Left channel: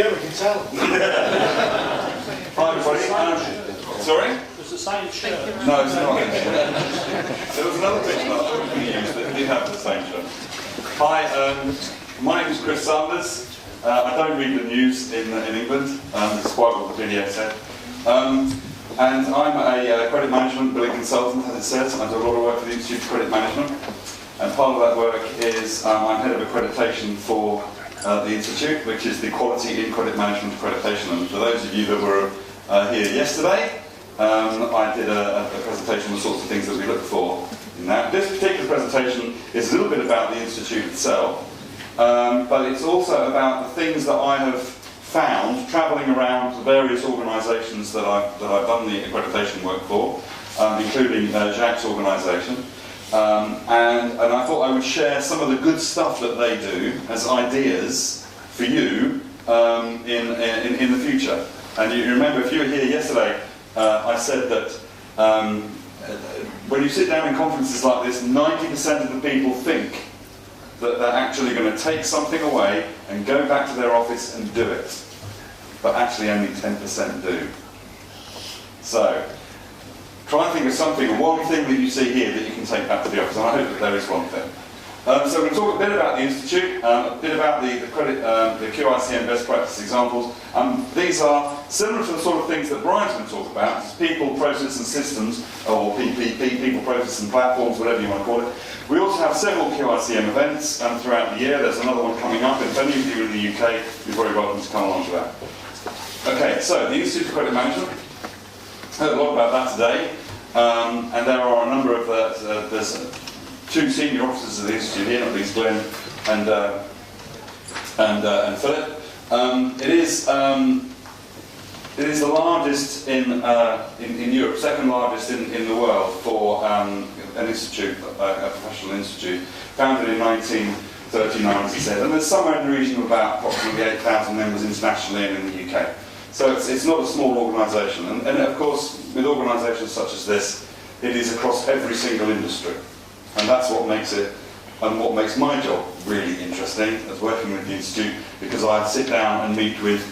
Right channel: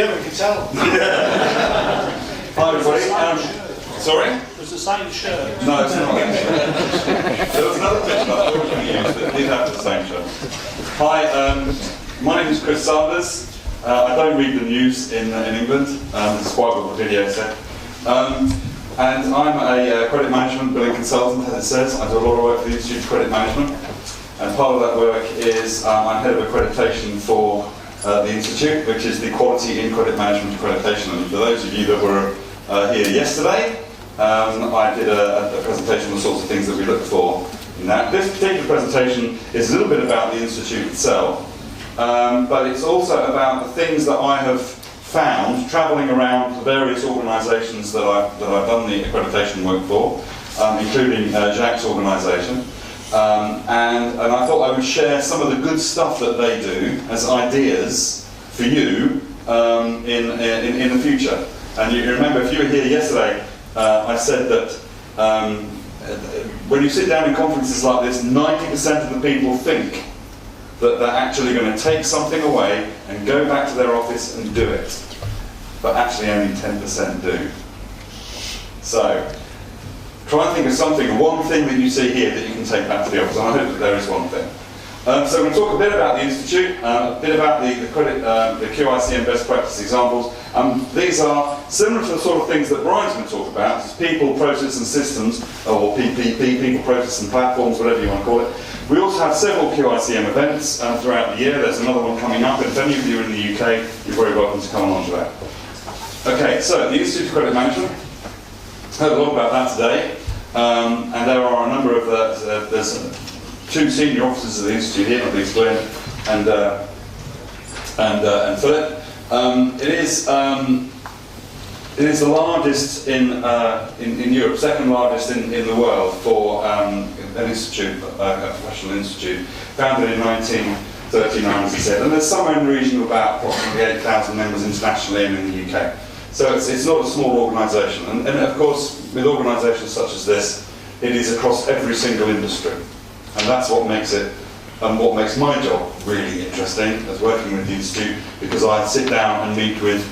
Yeah, we can tell. Hi everybody. Sorry? It's the same shirt. No, it's not. There was another picture that I was going to use that did have the same shirt. Hi, my name is Chris Sanders. I don't read the news in England. It's quite what the video said. And I'm a credit management billing consultant, as it says. I do a lot of work for the Institute of Credit Management. And part of that work is I'm head of accreditation for the Institute, which is the Quality in Credit Management Accreditation. And for those of you that were here yesterday, I did a presentation on the sorts of things that we look for in that. This particular presentation is a little bit about the Institute itself, but it's also about the things that I have found travelling around the various organisations that I've done the accreditation work for, including Jacques' organisation. And I thought I would share some of the good stuff that they do as ideas for you in the future. And you remember, if you were here yesterday, I said that when you sit down in conferences like this, 90% of the people think that they're actually going to take something away and go back to their office and do it. But actually only 10% do. So, try and think of something, one thing that you see here that you can take back to the office, and I hope that there is one thing. So we're going to talk a bit about the Institute, a bit about the QiCM best practice examples. These are similar to the sort of things that Brian's going to talk about. It's people, process and systems, or PPP, people, process and platforms, whatever you want to call it. We also have several QiCM events throughout the year. There's another one coming up, and if any of you are in the UK, you're very welcome to come along to that. Okay, so the Institute of Credit Management. Heard a lot about that today, and there are a number of there's two senior officers of the Institute here, not least Glenn and Philip. It is the largest in Europe, second largest in the world for an institute, a professional institute, founded in 1939, as I said, and there's somewhere in the region of about approximately 8,000 members internationally and in the UK. So it's not a small organisation, and of course with organisations such as this, it is across every single industry, and that's what makes it, and what makes my job really interesting as working with the Institute, because I sit down and meet with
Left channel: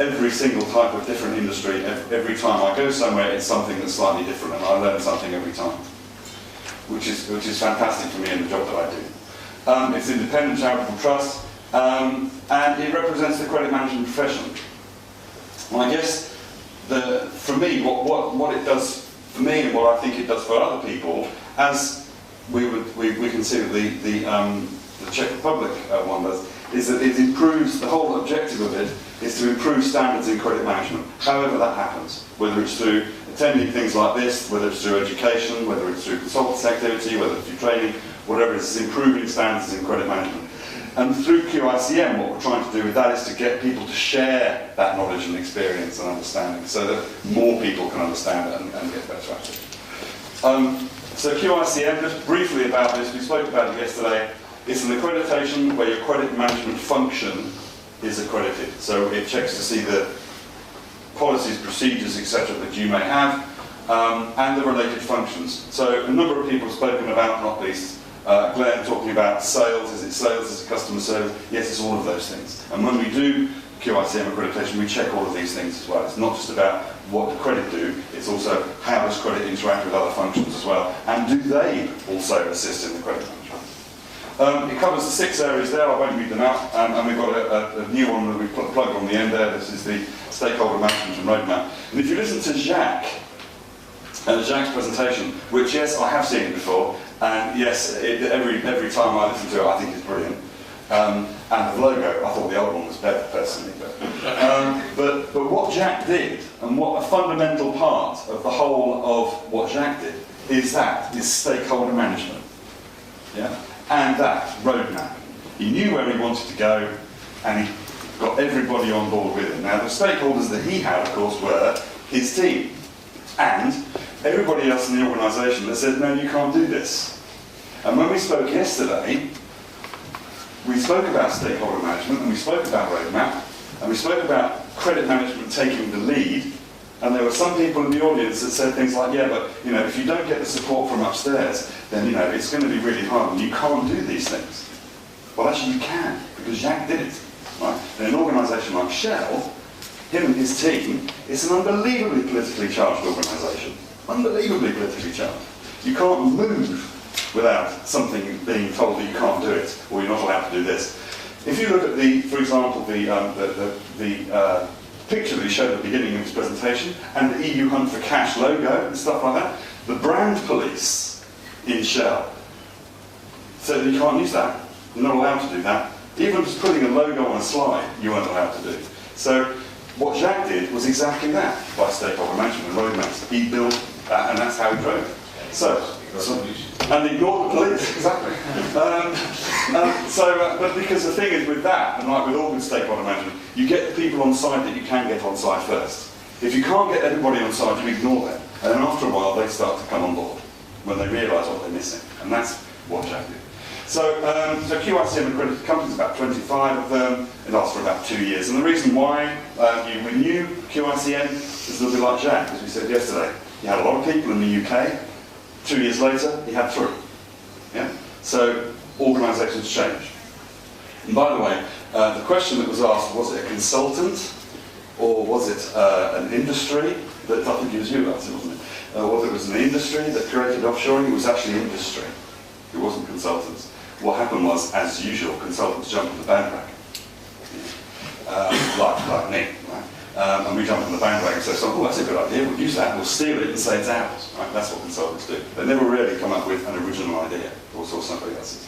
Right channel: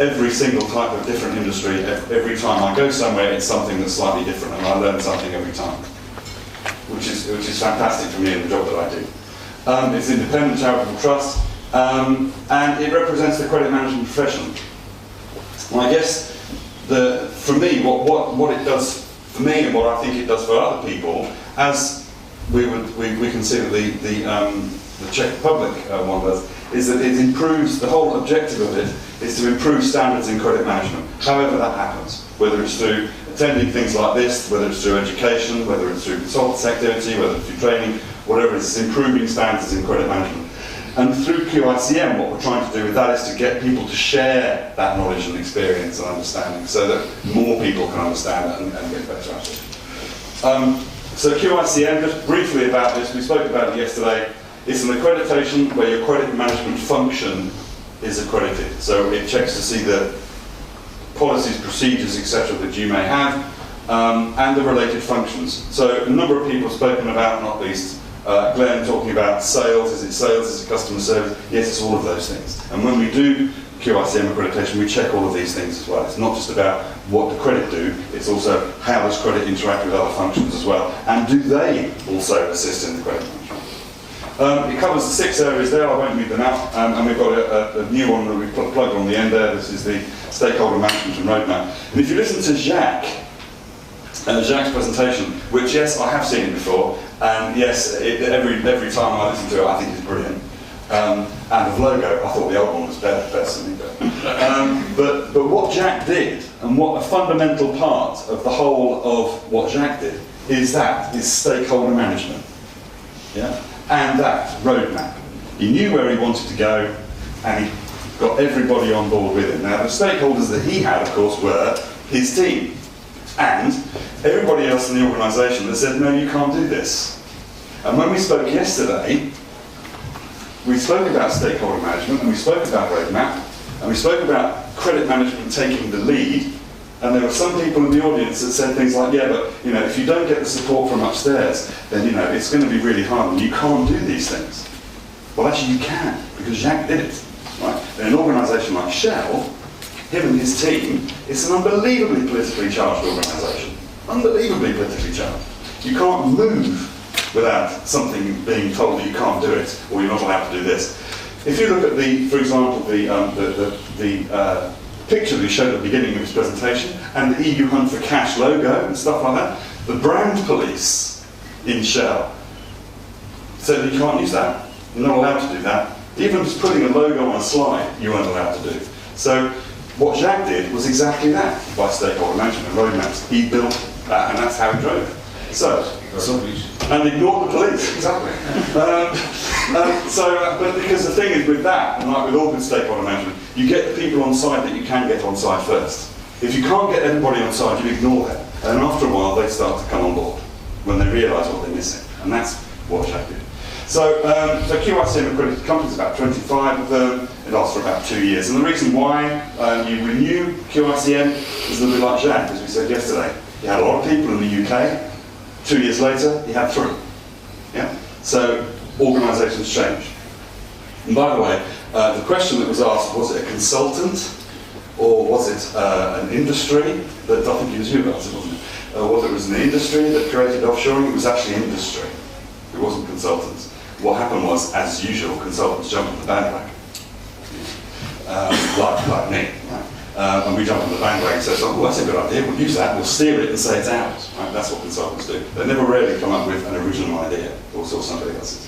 every single type of different industry. Every time I go somewhere, it's something that's slightly different, and I learn something every time, which is fantastic for me in the job that I do. It's an independent charitable trust, and it represents the credit management profession. And I guess for me, what it does for me and what I think it does for other people, as we consider the Czech Republic one does, is that it improves, the whole objective of it is to improve standards in credit management, however that happens, whether it's through attending things like this, whether it's through education, whether it's through consultancy activity, whether it's through training, whatever it is, it's improving standards in credit management. And through QiCM, what we're trying to do with that is to get people to share that knowledge and experience and understanding so that more people can understand it and get better at it. So QiCM, just briefly about this, we spoke about it yesterday. It's an accreditation where your credit management function is accredited. So it checks to see the policies, procedures, etc. that you may have, and the related functions. So a number of people have spoken about, not least Glenn, talking about sales. Is it sales? Is it customer service? Yes, it's all of those things. And when we do QiCM accreditation, we check all of these things as well. It's not just about what the credit do, it's also how does credit interact with other functions as well, and do they also assist in the credit management. It covers the 6 areas there. I won't read them out, and we've got a new one that we've plugged on the end there. This is the stakeholder management and roadmap. And if you listen to Jacques' presentation, which, yes, I have seen it before, and yes, every time I listen to it, I think it's brilliant. And the logo, I thought the old one was better, personally. But what Jacques did, and what a fundamental part of the whole of what Jacques did, is stakeholder management. Yeah? And that roadmap. He knew where he wanted to go, and he got everybody on board with him. Now, the stakeholders that he had, of course, were his team, and everybody else in the organisation that said, no, you can't do this. And when we spoke yesterday, we spoke about stakeholder management, and we spoke about roadmap, and we spoke about credit management taking the lead, and there were some people in the audience that said things like, yeah, but if you don't get the support from upstairs, then it's going to be really hard, and you can't do these things. Well, actually you can, because Jacques did it. right? In an organisation like Shell, him and his team, it's an unbelievably politically charged organisation. Unbelievably politically charged. You can't move without something being told that you can't do it, or you're not allowed to do this. If you look at for example, the picture that he showed at the beginning of his presentation, and the EU Hunt for Cash logo and stuff like that, the brand police in Shell said that you can't use that. You're not allowed to do that. Even just putting a logo on a slide, you weren't allowed to do. So what Jacques did was exactly that by stakeholder management and roadmaps. He built that, and that's how he drove it. And ignored the police, exactly. But because the thing is with that, and like with all good stakeholder management, you get the people on side that you can get on side first. If you can't get everybody on side, you ignore them. And after a while, they start to come on board when they realise what they're missing. And that's what Jacques did. So QiCM accredited companies, about 25 of them. It lasts for about 2 years. And the reason why you renew QiCM is a little bit like Jacques, as we said yesterday. You had a lot of people in the UK. 2 years later, he had 3. Yeah? So organisations change. And by the way, the question that was asked, was it a consultant or was it an industry? That, I think it was you guys, wasn't it? Whether it was an industry that created offshoring, it was actually industry. It wasn't consultants. What happened was, as usual, consultants jumped on the bandwagon. Like me, right? And we jump on the bandwagon and say, oh, that's a good idea, we'll use that, we'll steal it and say it's ours. Right? That's what consultants do. They never really come up with an original idea, or somebody else's.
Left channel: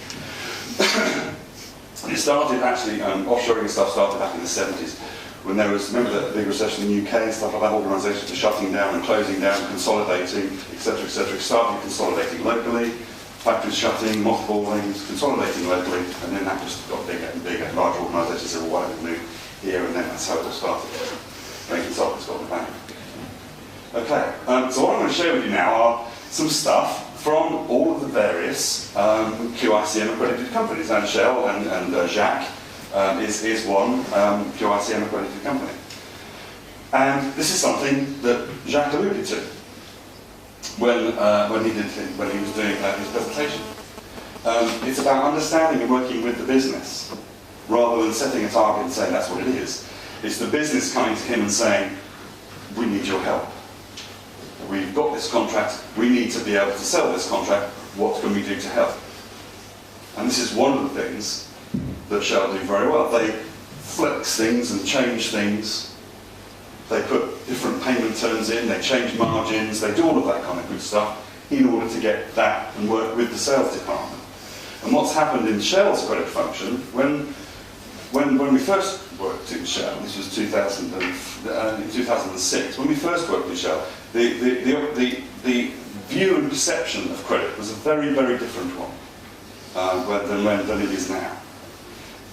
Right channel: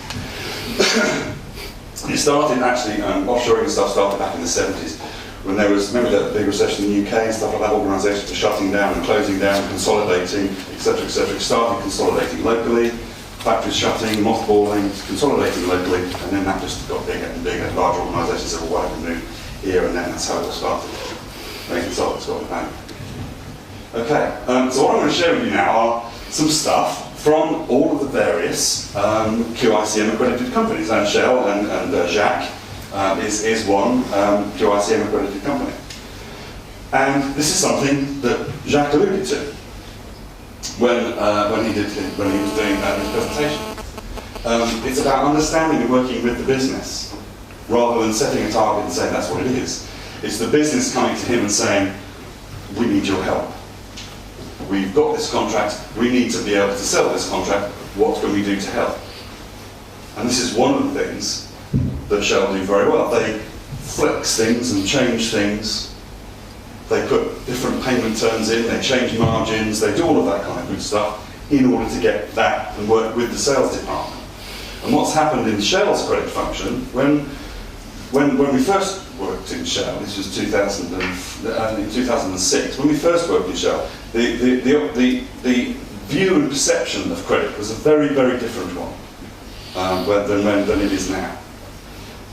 And it started actually, offshoring and stuff started back in the 70s, when there was, remember the big recession in the UK and stuff like that, organisations were shutting down and closing down, consolidating, etc., etc. It started consolidating locally, factories shutting, mothballing, consolidating locally, and then that just got bigger and bigger. Large organisations said, well, why don't we move here and then? That's how it all started. And consultants got the bang. Okay, so what I'm going to share with you now are some stuff from all of the various QiCM accredited companies, and Shell and Jacques is one QiCM accredited company. And this is something that Jacques alluded to when he was doing his presentation. It's about understanding and working with the business, rather than setting a target and saying that's what it is. It's the business coming to him and saying, we need your help. We've got this contract, we need to be able to sell this contract, what can we do to help? And this is one of the things that Shell do very well. They flex things and change things. They put different payment terms in, they change margins, they do all of that kind of good stuff in order to get that and work with the sales department. And what's happened in Shell's credit function, when we first worked in Shell, this was 2006, when we first worked in Shell, the view and perception of credit was a very, very different one than it is now.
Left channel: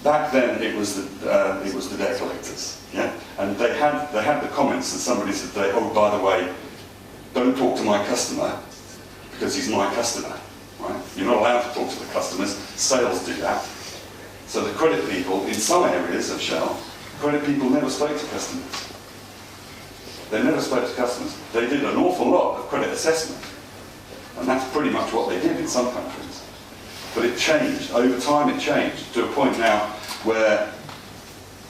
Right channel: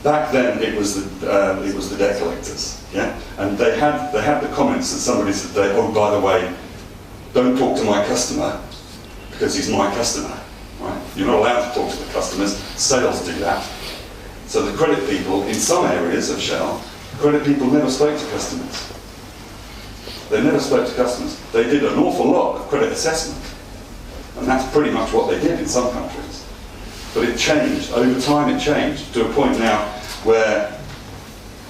Back then, it was the debt collectors, yeah, and they had the comments that somebody said, oh, by the way, don't talk to my customer because he's my customer, right? You're not allowed to talk to the customers. Sales do that. So the credit people in some areas of Shell, credit people never spoke to customers. They never spoke to customers. They did an awful lot of credit assessment, and that's pretty much what they did in some countries. But it changed. Over time it changed to a point now where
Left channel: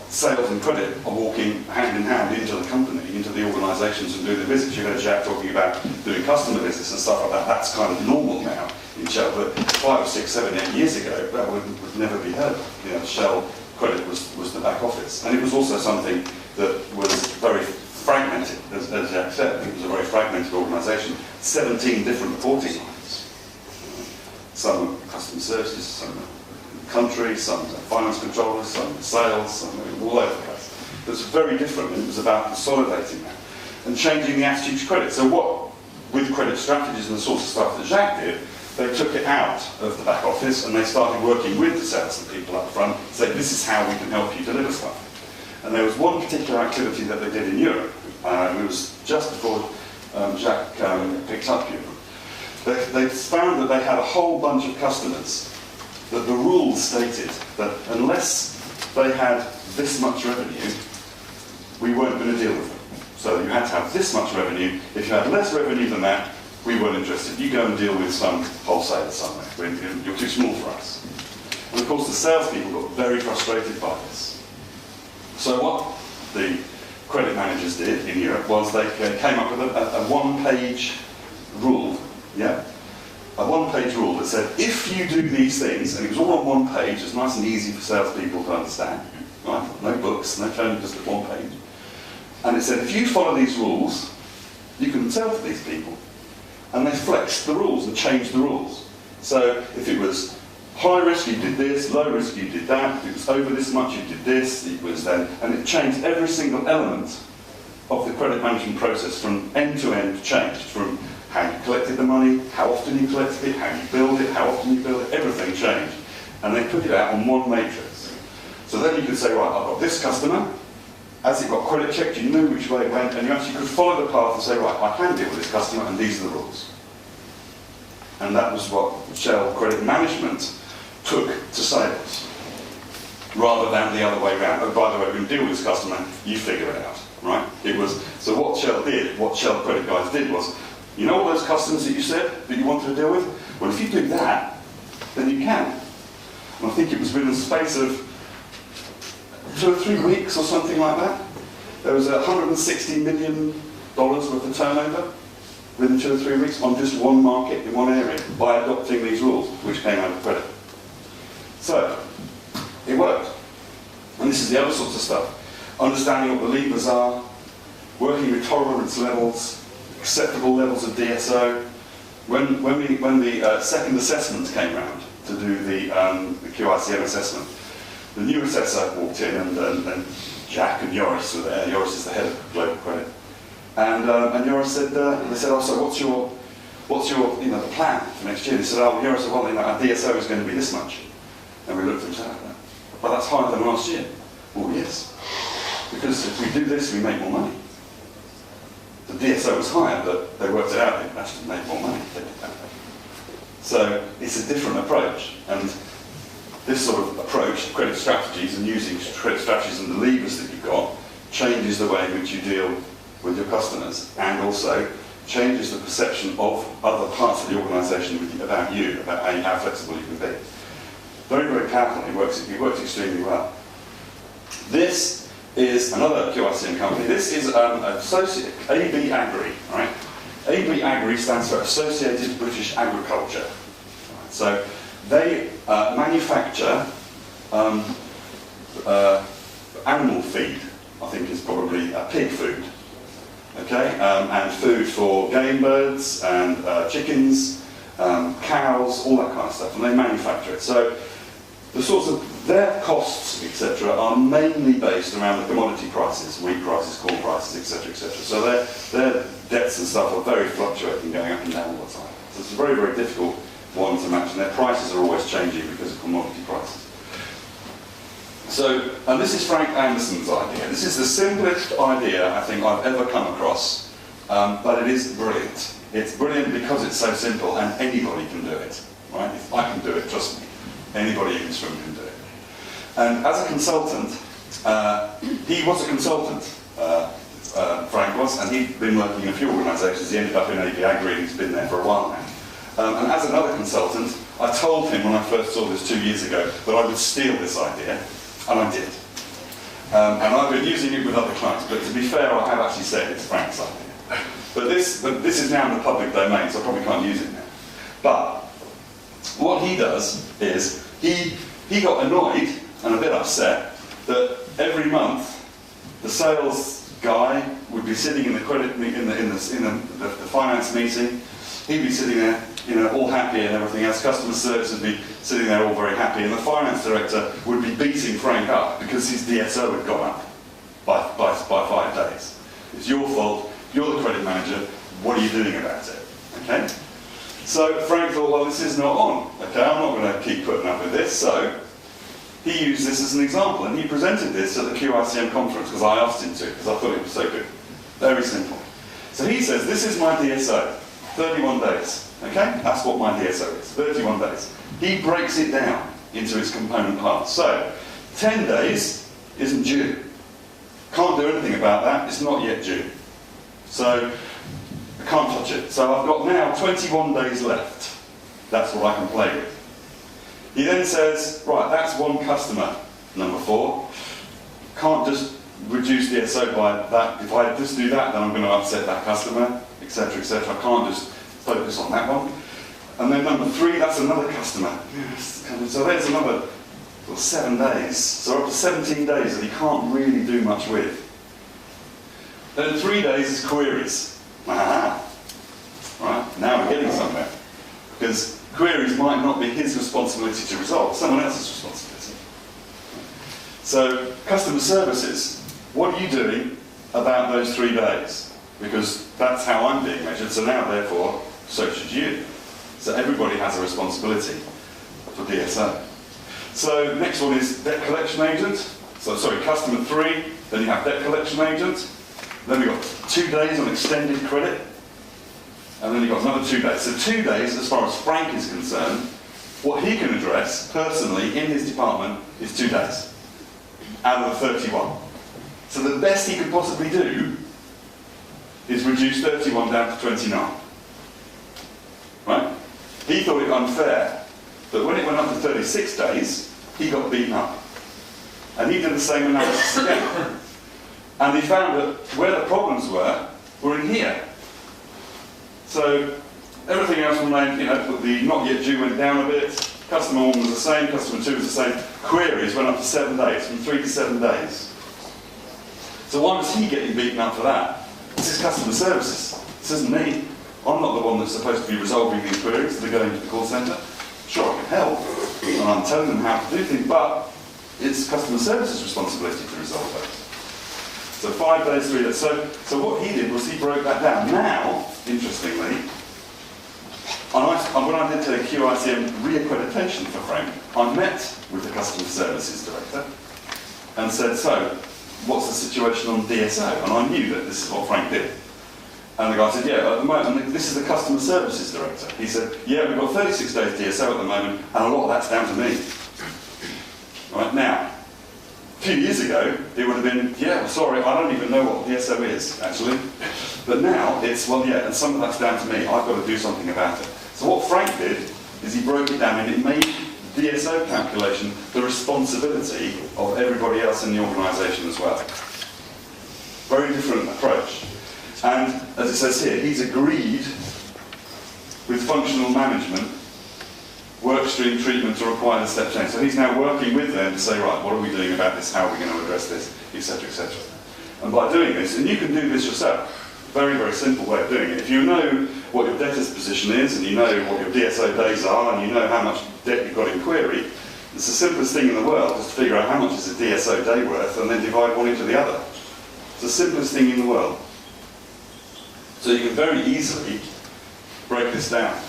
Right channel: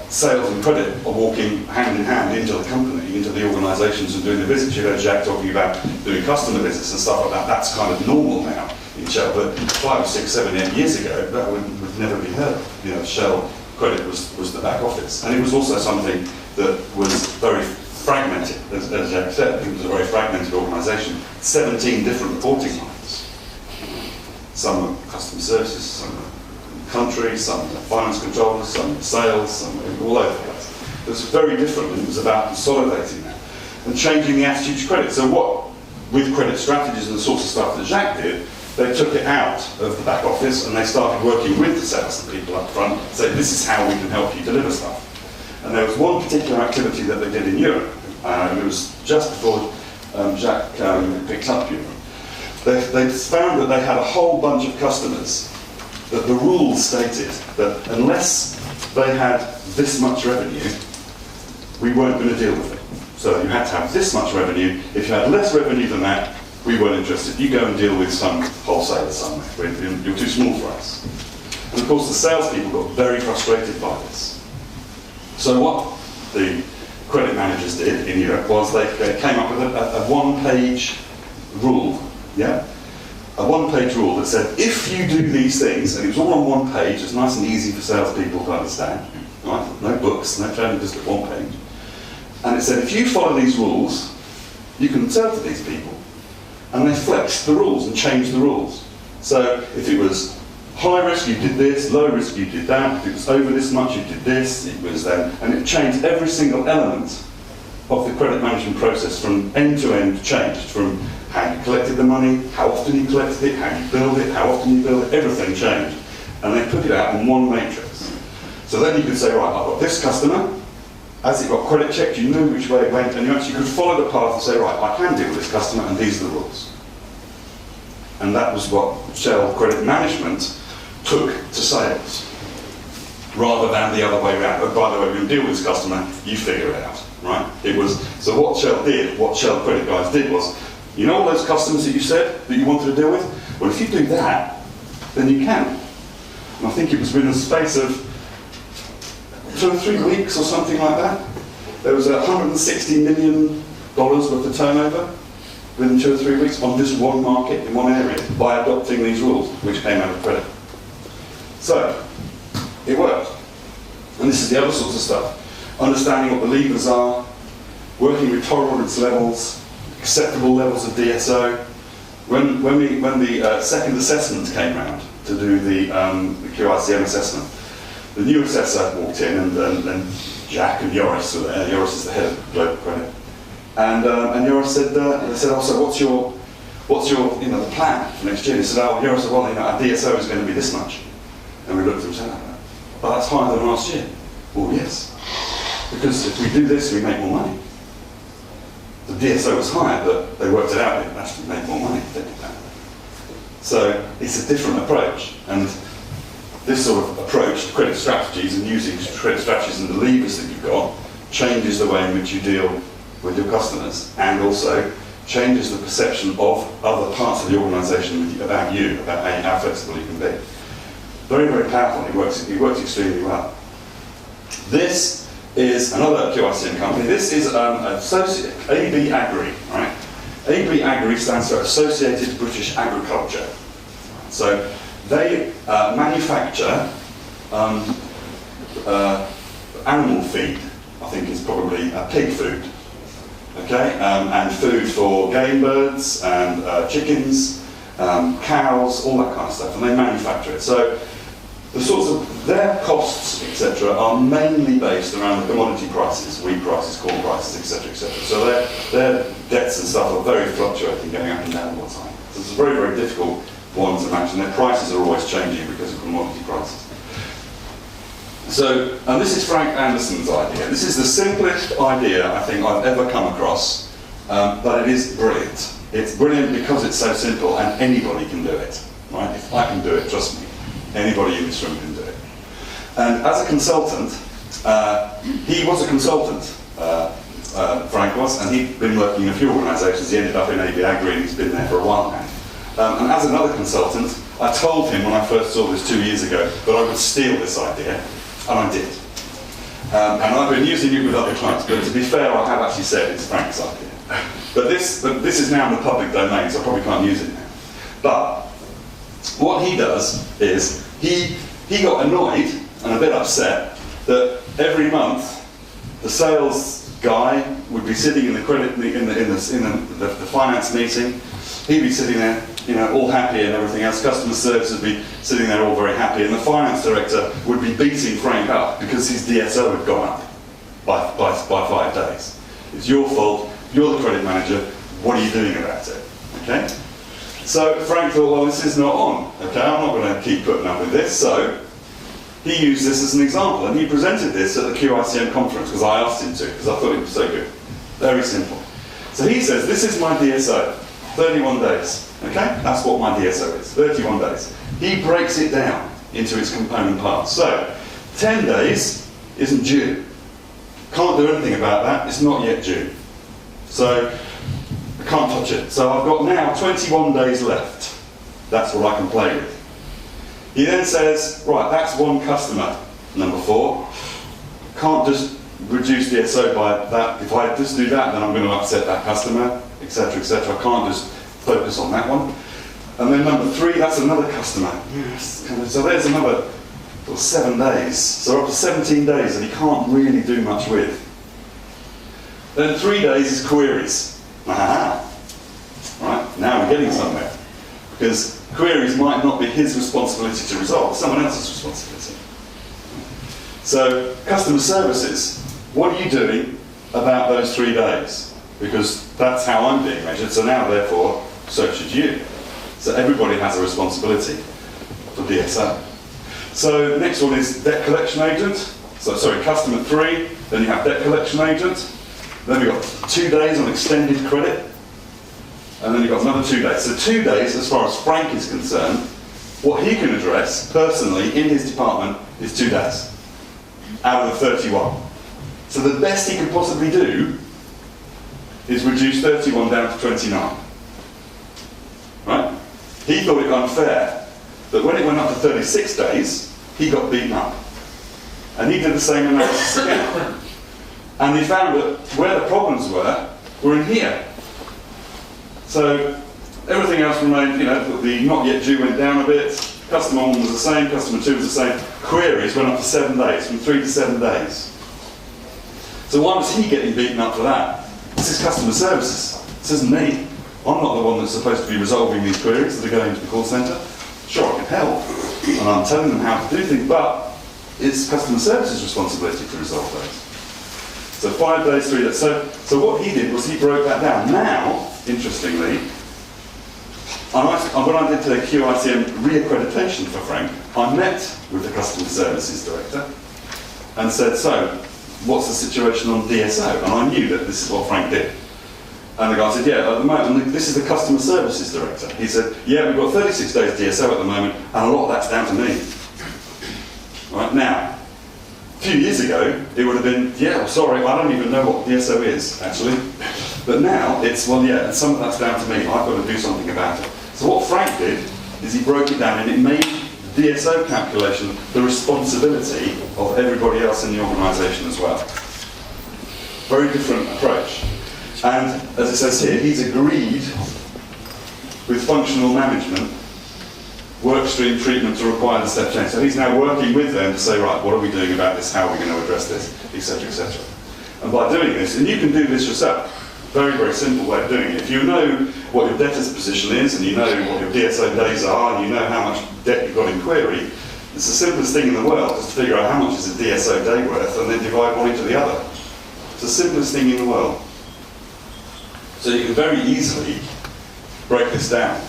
sales and credit are walking hand in hand into the company, into the organisations and doing the business. You heard Jack talking about doing customer business and stuff like that. That's kind of normal now in Shell. But 5, 6, 7, 8 years ago, that would never be heard of. You know, Shell credit was the back office. And it was also something that was very fragmented, as Jack said. It was a very fragmented organisation. 17 different reporting lines. Some are customer services, some are country, some finance controllers, some sales, some all over the place. It was very different, and it was about consolidating that and changing the attitude to credit. So what, with credit strategies and the sorts of stuff that Jacques did, they took it out of the back office and they started working with the sales people up front, saying this is how we can help you deliver stuff. And there was one particular activity that they did in Europe, it was just before Jacques picked up Europe. They found that they had a whole bunch of customers that the rules stated that unless they had this much revenue, we weren't going to deal with it. So you had to have this much revenue. If you had less revenue than that, we weren't interested. You go and deal with some wholesaler somewhere. You're too small for us. And of course, the salespeople got very frustrated by this. So what the credit managers did in Europe was they came up with a one-page rule, yeah? A one-page rule that said, if you do these things, and it was all on one page, it's nice and easy for salespeople to understand, right? No books, no training, just at one page. And it said, if you follow these rules, you can sell to these people. And they flexed the rules and changed the rules. So if it was high risk, you did this, low risk, you did that. If it was over this much, you did this. It was then, and it changed every single element of the credit management process from end to end, changed from how you collected the money, how often you collected it, how you billed it, how often you billed it, everything changed. And they put it out in one matrix. So then you could say, right, I've got this customer, as it got credit checked, you knew which way it went, and you actually could follow the path and say, right, I can deal with this customer, and these are the rules. And that was what Shell Credit Management took to sales, rather than the other way around. Oh, by the way, we're going to deal with this customer, you figure it out, right? It was, so what Shell did, what Shell Credit guys did was, you know all those customers that you said that you wanted to deal with? Well, if you do that, then you can. And I think it was within the space of 2 or 3 weeks or something like that. There was $160 million worth of turnover within 2 or 3 weeks on just one market in one area by adopting these rules, which came out of credit. So, it worked. And this is the other sorts of stuff. Understanding what the levers are, working with tolerance levels, acceptable levels of DSO. When the second assessment came round to do the QiCM assessment, the new assessor walked in, and Jack and Joris were there. Joris is the head of global credit, and Joris said, "They said, oh, so what's your the plan for next year?" He said, "Oh, Joris said, well, our DSO is going to be this much," and we looked at him and said, "Well, that's higher than last year." Well, yes, because if we do this, we make more money. The DSO was higher, but they worked it out. They actually made more money if they did that. So it's a different approach, and this sort of approach to credit strategies and using credit strategies and the levers that you've got changes the way in which you deal with your customers, and also changes the perception of other parts of the organisation about you, about how flexible you can be. Very, very powerful. It works extremely well. This is another QiCM company. This is AB Agri, right? AB Agri stands for Associated British Agriculture. So they manufacture animal feed, I think is probably pig food, okay, and food for game birds and chickens, cows, all that kind of stuff, and they manufacture it. So the sorts of their costs, etc., are mainly based around the commodity prices, wheat prices, corn prices, etc., etc. So their debts and stuff are very fluctuating, going up and down all the time. So it's a very, very difficult one to match, and their prices are always changing because of commodity prices. So, and this is Frank Anderson's idea. This is the simplest idea I think I've ever come across, but it is brilliant. It's brilliant because it's so simple, and anybody can do it, right? If I can do it, trust me. Anybody in this room can do it. And as a consultant, he was a consultant, Frank was, and he'd been working in a few organisations. He ended up in AB Agri, and he's been there for a while now. And as another consultant, I told him when I first saw this 2 years ago that I would steal this idea, and I did. And I've been using it with other clients, but to be fair, I have actually said it's Frank's idea. But this is now in the public domain, so I probably can't use it now. But what he does is he got annoyed and a bit upset that every month the sales guy would be sitting in the credit in the finance meeting. He'd be sitting there, all happy and everything else. Customer service would be sitting there all very happy, and the finance director would be beating Frank up because his DSO had gone up by 5 days. It's your fault. You're the credit manager. What are you doing about it? Okay. So Frank thought, well, this is not on. Okay, I'm not going to keep putting up with this. So he used this as an example, and he presented this at the QiCM conference because I asked him to, because I thought it was so good. Very simple. So he says, this is my DSO, 31 days. Okay, that's what my DSO is, 31 days. He breaks it down into its component parts. So 10 days isn't due. Can't do anything about that. It's not yet due. So I can't touch it. So I've got now 21 days left. That's what I can play with. He then says, right, that's one customer. Number 4, can't just reduce DSO by that. If I just do that, then I'm going to upset that customer, etc., etc. I can't just focus on that one. And then number 3, that's another customer. Yes. So there's another 7 days. So up to 17 days that he can't really do much with. Then 3 days is queries. Aha. Right, now we're getting somewhere. Because queries might not be his responsibility to resolve, it's someone else's responsibility. So, customer services, what are you doing about those 3 days? Because that's how I'm being measured, so now therefore, so should you. So everybody has a responsibility for DSO. So the next one is debt collection agent. So sorry, customer 3, then you have debt collection agent. Then we've got 2 days on extended credit. And then you've got another 2 days. So 2 days, as far as Frank is concerned, what he can address personally in his department is 2 days out of the 31. So the best he could possibly do is reduce 31 down to 29. Right? He thought it unfair that when it went up to 36 days, he got beaten up. And he did the same analysis again. And he found that where the problems were in here. So everything else remained, the not yet due went down a bit, customer 1 was the same, customer 2 was the same, queries went up to 7 days, from 3 to 7 days. So why was he getting beaten up for that? This is customer services, this isn't me. I'm not the one that's supposed to be resolving these queries that are going to the call centre. Sure, I can help, and I'm telling them how to do things, but it's customer services' responsibility to resolve those. So 5 days, 3 days. So what he did was he broke that down. Now, interestingly, when I did the QiCM reaccreditation for Frank, I met with the customer services director and said, so, what's the situation on DSO? And I knew that this is what Frank did. And the guy said, yeah, at the moment, and this is the customer services director. He said, yeah, we've got 36 days DSO at the moment, and a lot of that's down to me. Right, now, a few years ago, it would have been, yeah, well, sorry, I don't even know what DSO is, actually. But now, it's, well, yeah, and some of that's down to me. I've got to do something about it. So what Frank did is he broke it down, and it made the DSO calculation the responsibility of everybody else in the organisation as well. Very different approach. And, as it says here, he's agreed with functional management workstream treatment to require the step change. So he's now working with them to say, right, what are we doing about this? How are we going to address this? Etc., etc. And by doing this, and you can do this yourself, very, very simple way of doing it. If you know what your debtor's position is, and you know what your DSO days are, and you know how much debt you've got in query, it's the simplest thing in the world just to figure out how much is a DSO day worth and then divide one into the other. It's the simplest thing in the world. So you can very easily break this down.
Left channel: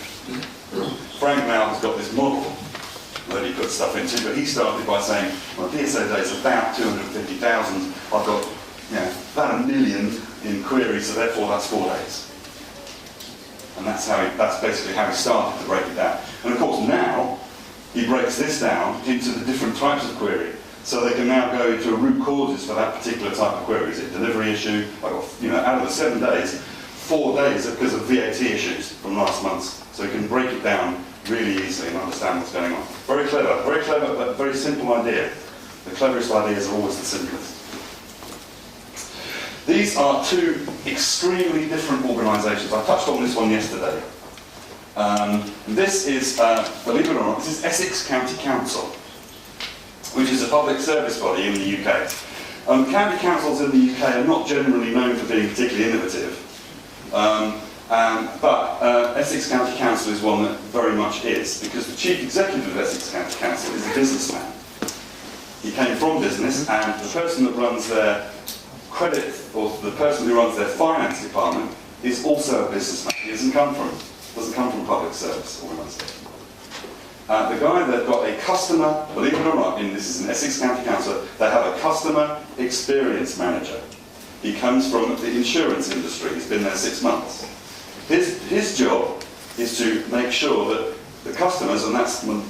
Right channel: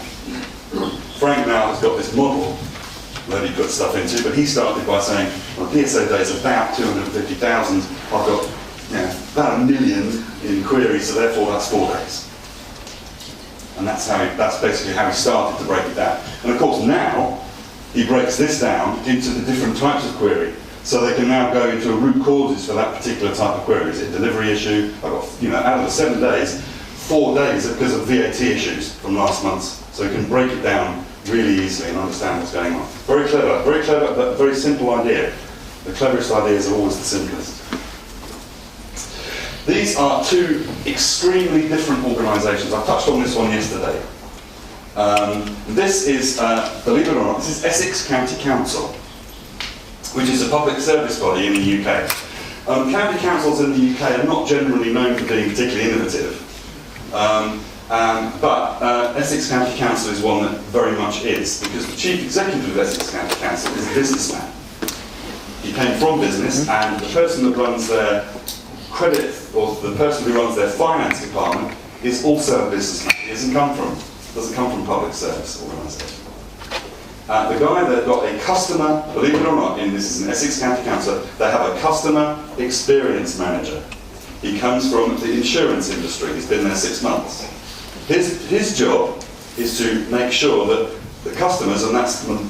Frank now has got this model that he puts stuff into, but he started by saying, well, DSO days are about 250,000. I've got about 1 million in queries, so therefore that's 4 days. And that's basically how he started to break it down. And of course now, he breaks this down into the different types of query. So they can now go into a root causes for that particular type of query. Is it a delivery issue? I've got, out of the 7 days, 4 days are because of VAT issues from last month. So you can break it down really easily and understand what's going on. Very clever, but very simple idea. The cleverest ideas are always the simplest. These are 2 extremely different organisations. I touched on this one yesterday. This is, believe it or not, this is Essex County Council, which is a public service body in the UK. County councils in the UK are not generally known for being particularly innovative. But Essex County Council is one that very much is, because the chief executive of Essex County Council is a businessman. He came from business, and the person that runs their credit, or the person who runs their finance department, is also a businessman. He doesn't come from public service organisation. The guy that got a customer, believe it or not, this is an Essex County Council, they have a customer experience manager. He comes from the insurance industry. He's been there 6 months. His job is to make sure that the customers, and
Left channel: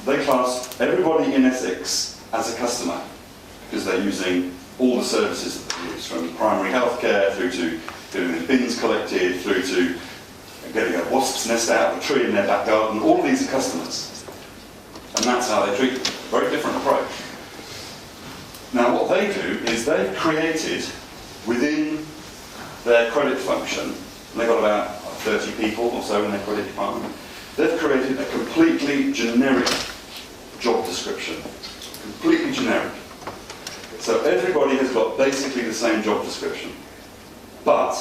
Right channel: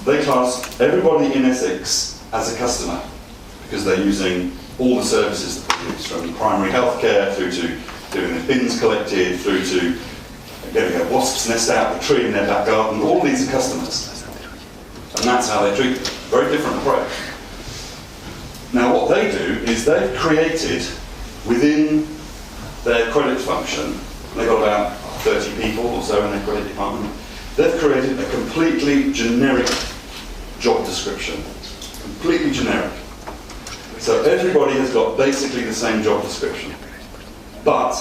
they class everybody in Essex as a customer, because they're using all the services that they use, from primary healthcare through to getting the bins collected, through to getting a wasp's nest out of a tree in their back garden. All these are customers. And that's how they treat them. Very different approach. Now what they do is they've created within their credit function, and they've got about 30 people or so in their credit department, they've created a completely generic job description. Completely generic. So everybody has got basically the same job description. But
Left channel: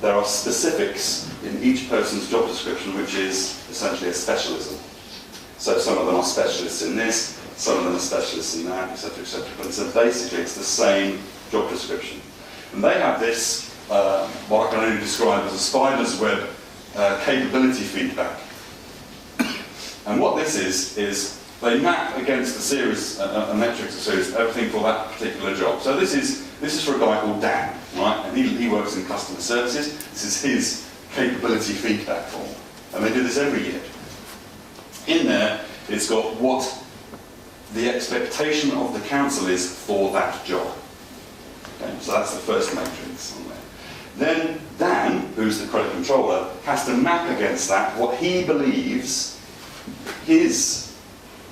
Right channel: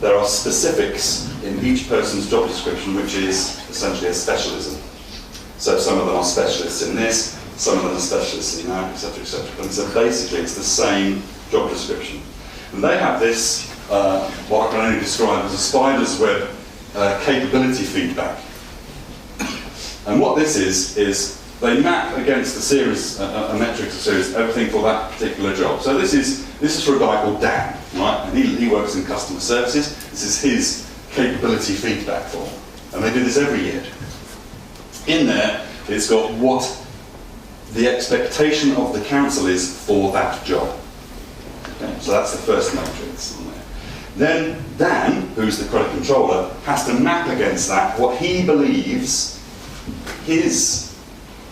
there are specifics in each person's job description, which is essentially a specialism. So some of them are specialists in this, some of them are specialists in that, etc., etc. But so basically it's the same job description. And they have this, what I can only describe as a spider's web capability feedback. And what this is they map against a series, a metrics, a series, everything for that particular job. So this is for a guy called Dan, right? And he works in customer services. This is his capability feedback form. And they do this every year. In there, it's got what the expectation of the council is for that job. Okay? So that's the first matrix on there. Then Dan, who's the credit controller, has to map against that what he believes his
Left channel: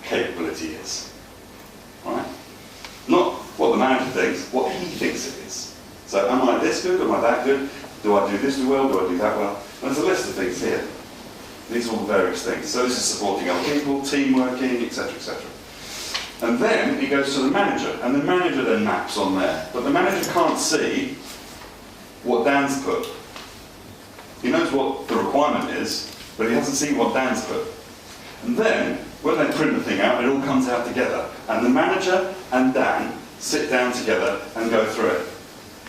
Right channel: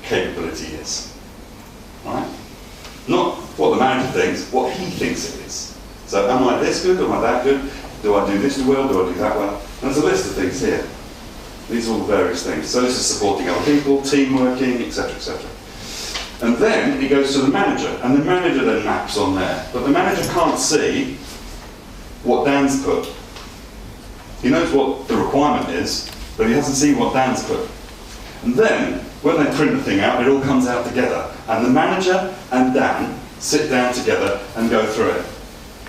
capability is. Right? Not what the manager thinks, what he thinks it is. So am I this good, am I that good? Do I do this well, do I do that well? And there's a list of things here. These are all the various things. So this is supporting other people, team working, etc., etc. And then it goes to the manager, and the manager then maps on there. But the manager can't see what Dan's put. He knows what the requirement is, but he hasn't seen what Dan's put. And then, when they print the thing out, it all comes out together. And the manager and Dan sit down together and go through it.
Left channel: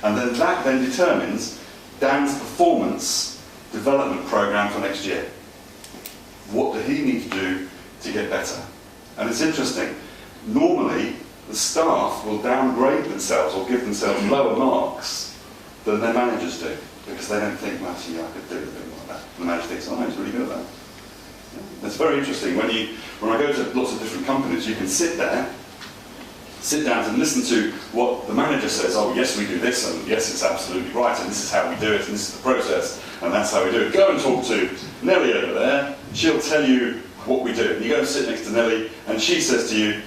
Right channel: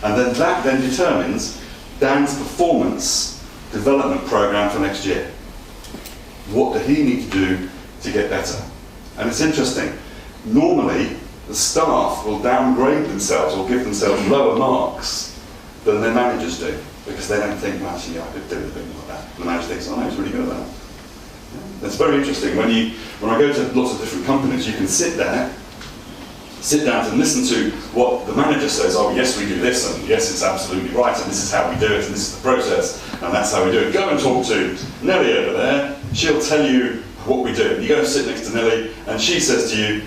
And then that then determines Dan's performance development program for next year. What do he need to do to get better? And it's interesting. Normally, the staff will downgrade themselves or give themselves lower marks than their managers do, because they don't think, well, actually, I could do a bit more like that. And the manager thinks, oh, he's really good at that. It's very interesting. When I go to lots of different companies, you can sit down and listen to what the manager says. Oh, yes, we do this, and yes, it's absolutely right, and this is how we do it, and this is the process, and that's how we do it. Go and talk to Nellie over there. She'll tell you what we do. You go and sit next to Nellie, and she says to you,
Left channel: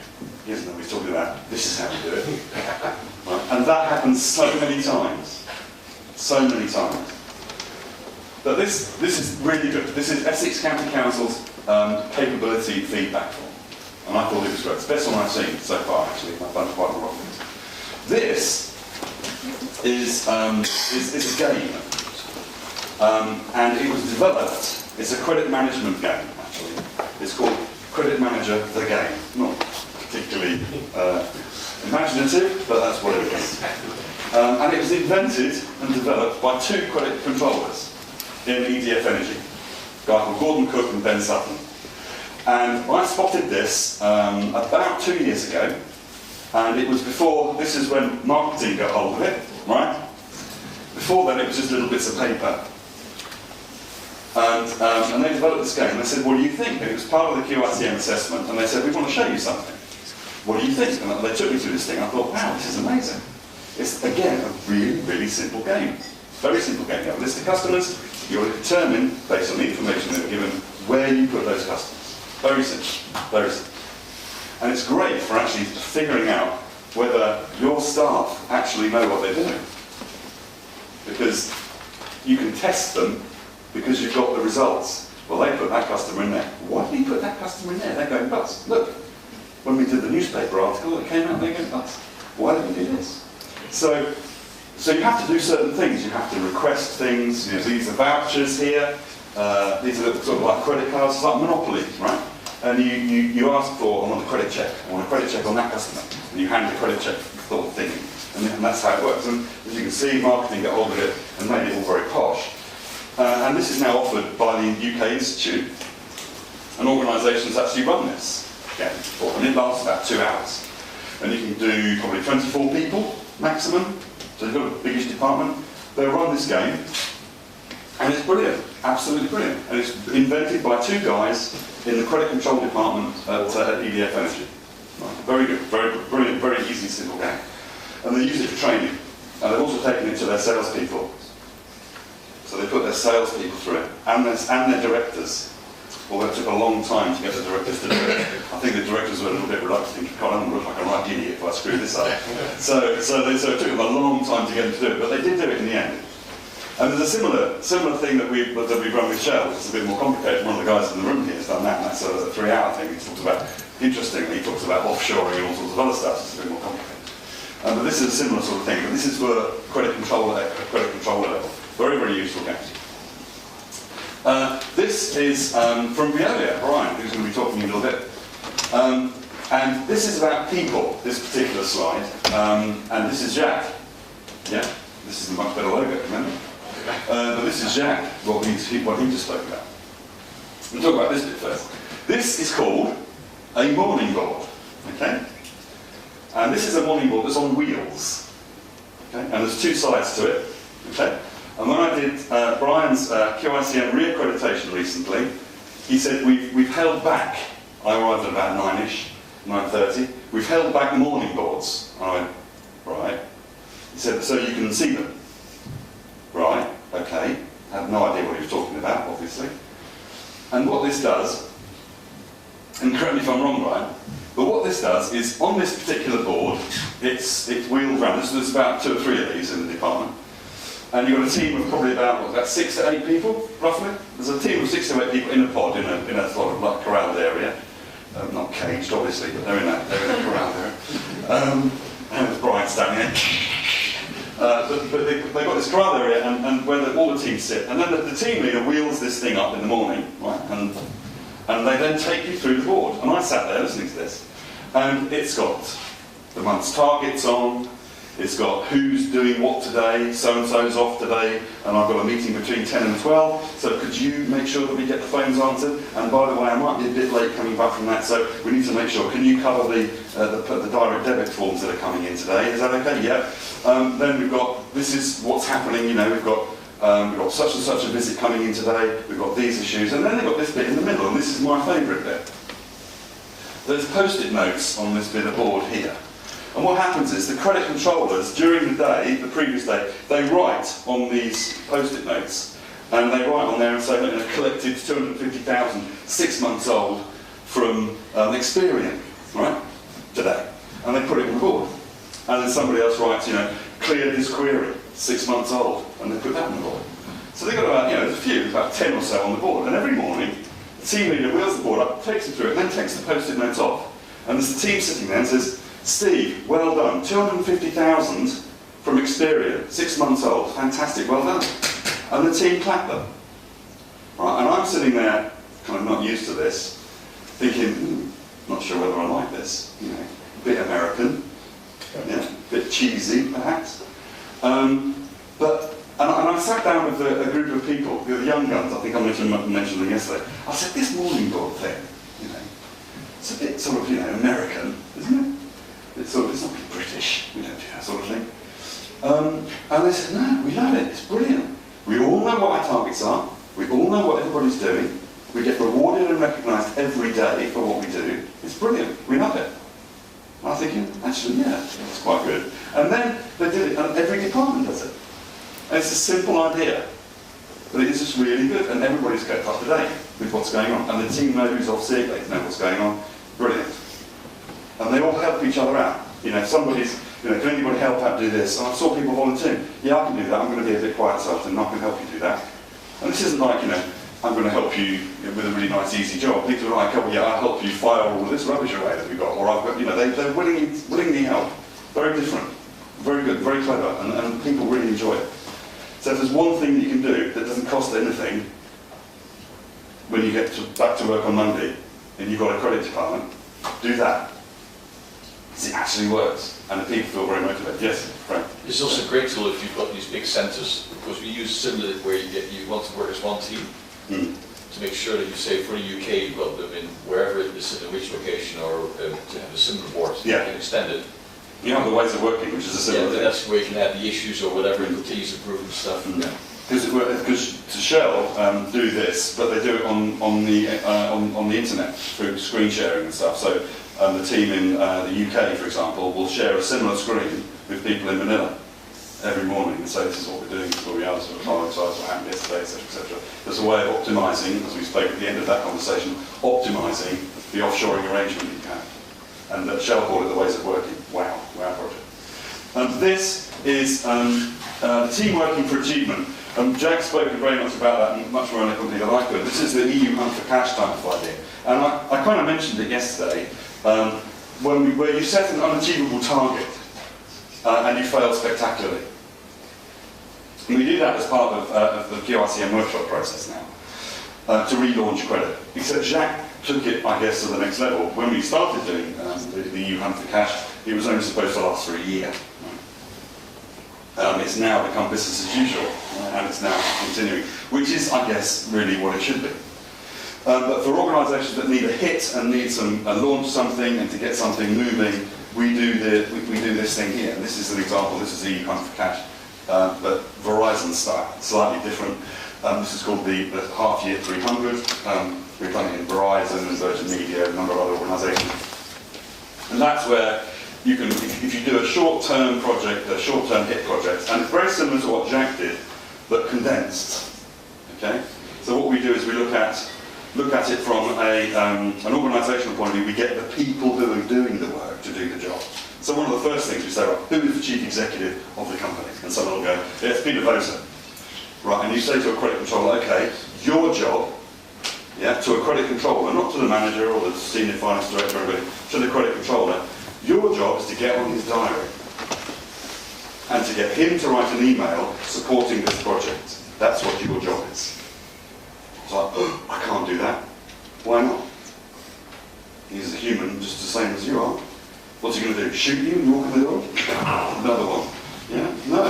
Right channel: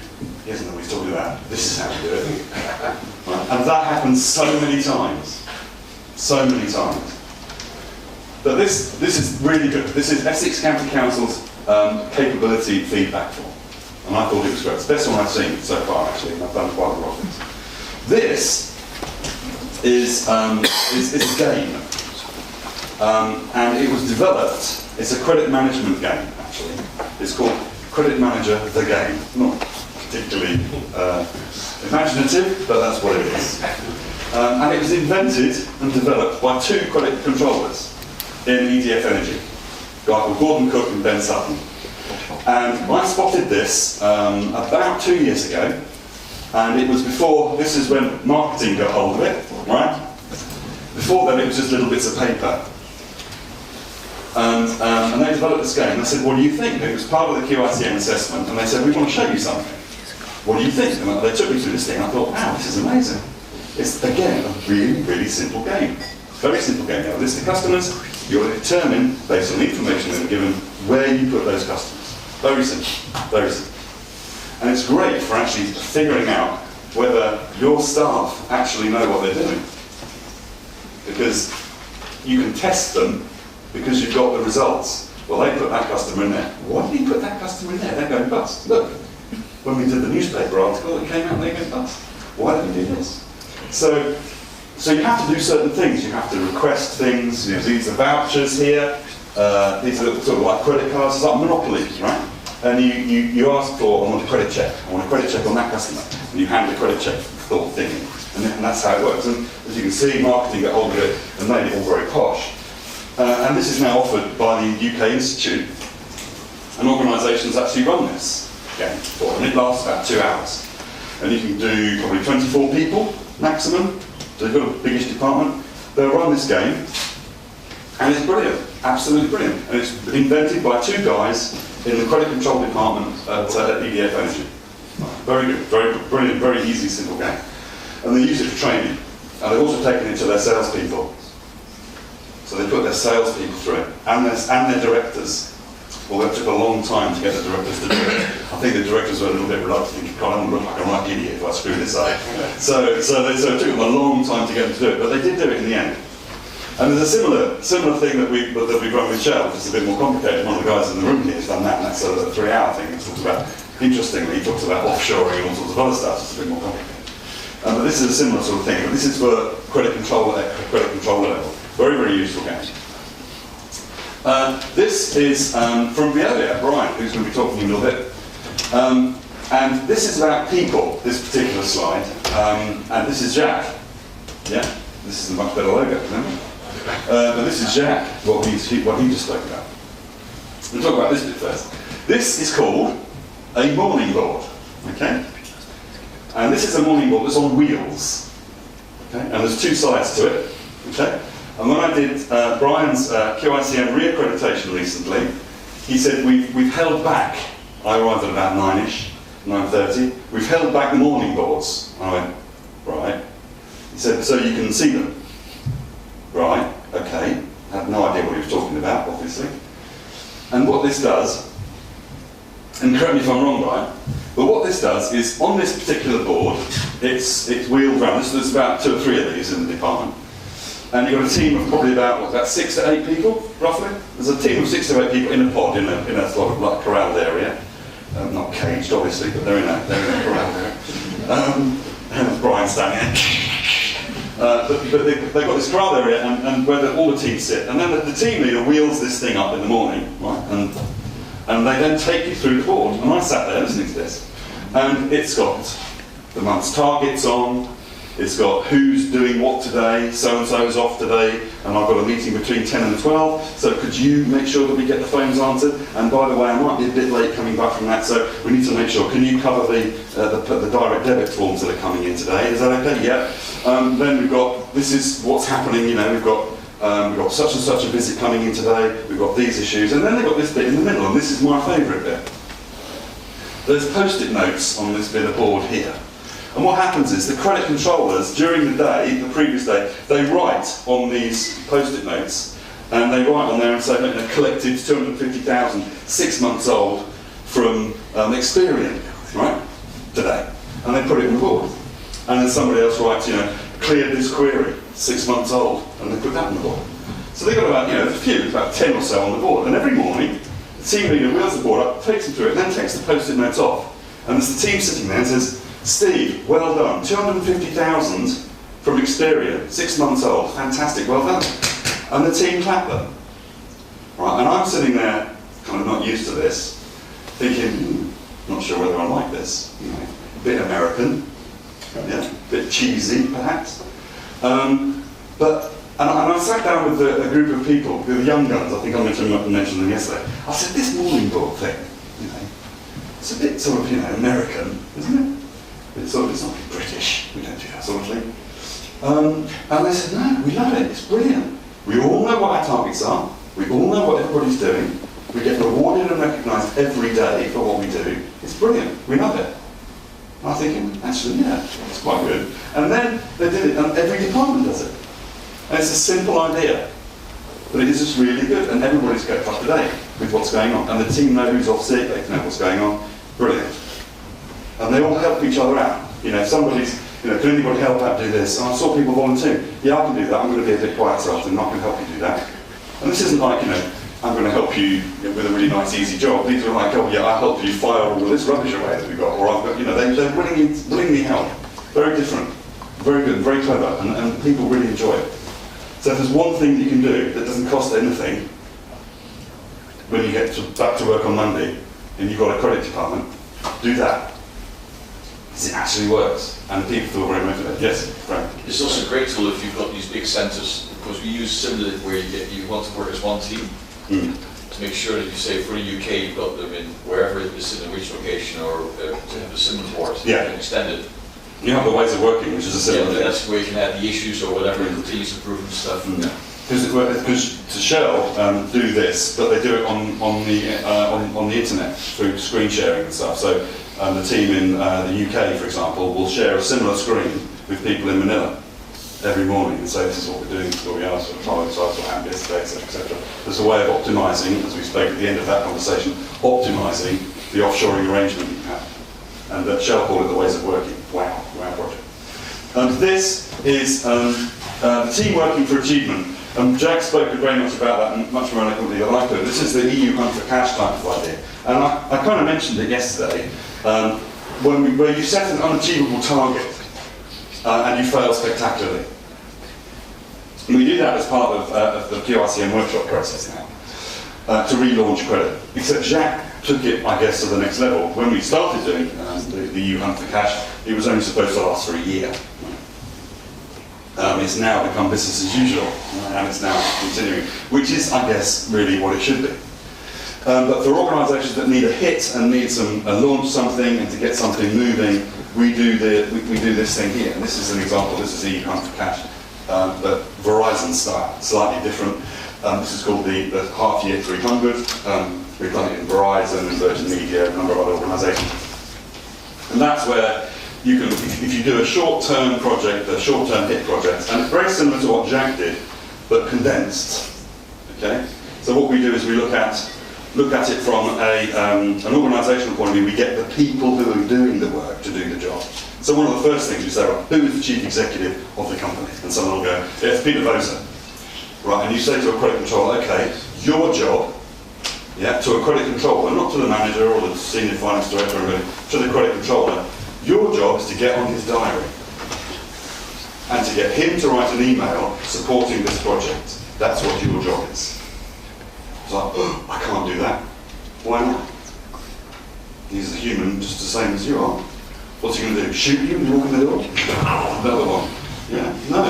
he doesn't know what he's talking about. This is how we do it. Right? And that happens so many times. So many times. But this is really good. This is Essex County Council's capability feedback form. And I thought it was great. It's the best one I've seen so far, actually. I've done quite a lot of things. This is a game. And it was developed, it's a credit management game, actually. It's called Credit Manager the Game. Not particularly imaginative, but that's what it is. And it was invented and developed by two credit controllers in EDF Energy. A guy called Gordon Cook and Ben Sutton. And I spotted this about 2 years ago, and it was before, this is when marketing got hold of it, right? Before then it was just little bits of paper. And they developed this game. They said, what do you think? It was part of the QiCM assessment, and they said, we want to show you something. What do you think? And they took me through this thing, and I thought, wow, this is amazing. It's, again, a really, really simple game. Very simple game. You have a list of customers, you're to determine, based on the information they're given, where you put those customers. Very simple, very simple. And it's great for actually figuring out whether your staff actually know what they're doing. Because you can test them because you've got the results. Well, they put that customer in there. Why did he put that customer in there? They're going bust. Look, when we did the newspaper article, it came out and they go bust. Why did we do this? So you have to do certain things. You have to request things. You know, these are vouchers here. These are sort of like credit cards. It's like Monopoly, right? And you ask for, I want a credit check. I want a credit check on that customer. And you hand a credit check sort of thing. And that's how it works. And as you can see, marketing got hold of it and made it all very posh. And this is now offered by the UK Institute. And organisations actually run this game for, and it lasts about 2 hours. And you can do probably 24 people maximum. So you've got a biggish department. They'll run this game. And it's brilliant, absolutely brilliant. And it's invented by two guys in the credit control department at EDF Energy. Very good, very brilliant, very easy, simple game. And they use it for training. And they've also taken it to their salespeople. So they put their salespeople through it, and their directors. although it took a long time to get the directors to do it. I think the directors were a little bit reluctant, thinking, God, I'm going to look like a right idiot if I screw this up. So it took them a long time to get them to do it, but they did do it in the end. And there's a similar thing that we've run with Shell, which is a bit more complicated. One of the guys in the room here has done that, and that's a 3-hour thing. He talks about, interestingly, he talks about offshoring and all sorts of other stuff. It's a bit more complicated. But this is a similar sort of thing. But this is for credit control level. Very, very useful games. This is from Veolia, Brian, who's going to be talking in a little bit. And this is about people, this particular slide. And this is Jack. Yeah? This is a much better logo, remember? But this is Jack, what he just spoke about. We'll talk about this bit first. This is called a morning board. Okay? And this is a morning board that's on wheels. Okay? And there's 2 sides to it. Okay? And when I did Brian's QiCM re-accreditation recently, he said we've held back. I arrived at about 9ish, 9:30. We've held back the morning boards. I went, right. He said, so you can see them. Right, okay. I had no idea what he was talking about, obviously. And what this does, and correct me if I'm wrong, Brian, but what this does is, on this particular board, it's wheeled around. There's about 2 or 3 of these in the department. And you've got a team of probably about 6 to 8 people, roughly. There's a team of 6 to 8 people in a pod, in a sort of like corralled area. Not caged, obviously, but they're in a corralled area. And Brian standing there. But they've got this corral area and where all the teams sit. And then the team leader wheels this thing up in the morning, right? And they then take you through the board. And I sat there listening to this. And it's got the month's targets on. It's got who's doing what today. So-and-so's off today. And I've got a meeting between 10 and 12. So could you make sure that we get the phones answered? And by the way, I might be a bit late coming back from that. So we need to make sure. Can you cover the direct debit forms that are coming in today? Is that okay? Yeah. Then we've got, this is what's happening, you know, we've got such and such a visit coming in today, we've got these issues, and then they've got this bit in the middle, and this is my favourite bit. There's post-it notes on this bit of board here. And what happens is the credit controllers, during the day, the previous day, they write on these post-it notes, and they write on there and say, look, collected 250,000, 6 months old from Experian, right, today. And they put it on the board. And then somebody else writes, you know, cleared this query, 6 months old, and they put that on the board. So they've got about, you know, there's a few, about 10 or so on the board. And every morning, the team leader wheels the board up, takes them through it, and then takes the post-it notes off. And there's the team sitting there and says, Steve, well done, 250,000 from Experian, 6 months old, fantastic, well done. And the team clap them. Right, and I'm sitting there, kind of not used to this, thinking, not sure whether I like this, you know, a bit American. Yeah, a bit cheesy, perhaps. And I sat down with a group of people, the young guns, I think I mentioned them yesterday. I said, this morning board thing, you know, it's a bit sort of, you know, American, isn't it? It's not British, we don't do that sort of thing. And they said, no, we love it, it's brilliant. We all know what our targets are, we all know what everybody's doing, we get rewarded and recognised every day for what we do. It's brilliant, we love it. And I was thinking, actually, yeah, it's quite good. And then they did it, and every department does it. And it's a simple idea, but it is just really good, and everybody's kept up to date with what's going on. And the team know who's off sick, they know what's going on. Brilliant. And they all help each other out. You know, if somebody's, you know, can anybody help out do this? And I saw people volunteer. Yeah, I can do that. I'm going to be a bit quiet this afternoon. I can help you do that. And this isn't like, you know, I'm going to help you with a really nice, easy job. These are like, oh yeah, I'll help you fire all of this rubbish away that we've got, or I've got, you know, they're willingly help. Very different, very good, very clever, and people really enjoy it. So if there's one thing that you can do that doesn't cost anything, when you get back to work on Monday, and you've got a credit department, do that. Because it actually works, and the people feel very motivated. Yes, Frank? It's also a great tool if you've got these big centres, because we use similar where you want to work as one team. To make sure that you say for the UK you've got them in wherever it is in a which location or to have a similar board, yeah. And extend it. You have the ways of working, which is a similar thing. That's where you can add the issues or whatever, continuous improvement stuff. Because to Shell do this, but they do it on the internet through screen sharing and stuff. So the team in the UK, for example, will share a similar screen with people in Manila. every morning and say, this is what we're doing, this is what we are, this is what time size, what happened yesterday, etc., etc. There's a way of optimising, as we spoke at the end of that conversation, optimising the offshoring arrangement you have. And that Shell call it the ways of working. Wow project. This is the team working for achievement. Jack spoke very much about that, and much more eloquently than I could. This is the EU hunt for cash type of idea. And I kind of mentioned it yesterday, where you set an unachievable target and you fail spectacularly. And we do that as part of the QiCM workshop process now, to relaunch credit. Except Jacques took it, I guess, to the next level. When we started doing the EU hunt for cash, it was only supposed to last for a year. It's now become business as usual, and it's now continuing, which is, I guess, really what it should be. But for organisations that need a hit and need launch something and to get something moving, we do this thing here. And this is an example. This is EU hunt for cash, but Verizon style, slightly different. This is called the half year 300. We've done it in Verizon and Virgin Media, a number of other organisations. And that's where you can, if you do a short-term project, a short-term hit project, and it's very similar to what Jack did, but condensed. Okay. So what we do is we look at it from an organisational point of view. We get the people who are doing the work to do the job. So one of the first things we say, well, who is the chief executive of the company? And someone will go, yeah, it's Peter Voser. Right, and you say to a credit controller, okay, your job, yeah, to a credit controller, not to the manager or the senior finance director or anybody, to the credit controller, your job is to get on his diary and to get him to write an email supporting this project. That's what your job is. It's like, oh, I can't do that. Why not? He's a human just the same as you are. What's he going to do? Shoot you and walk in the door? Another one. Yeah, no,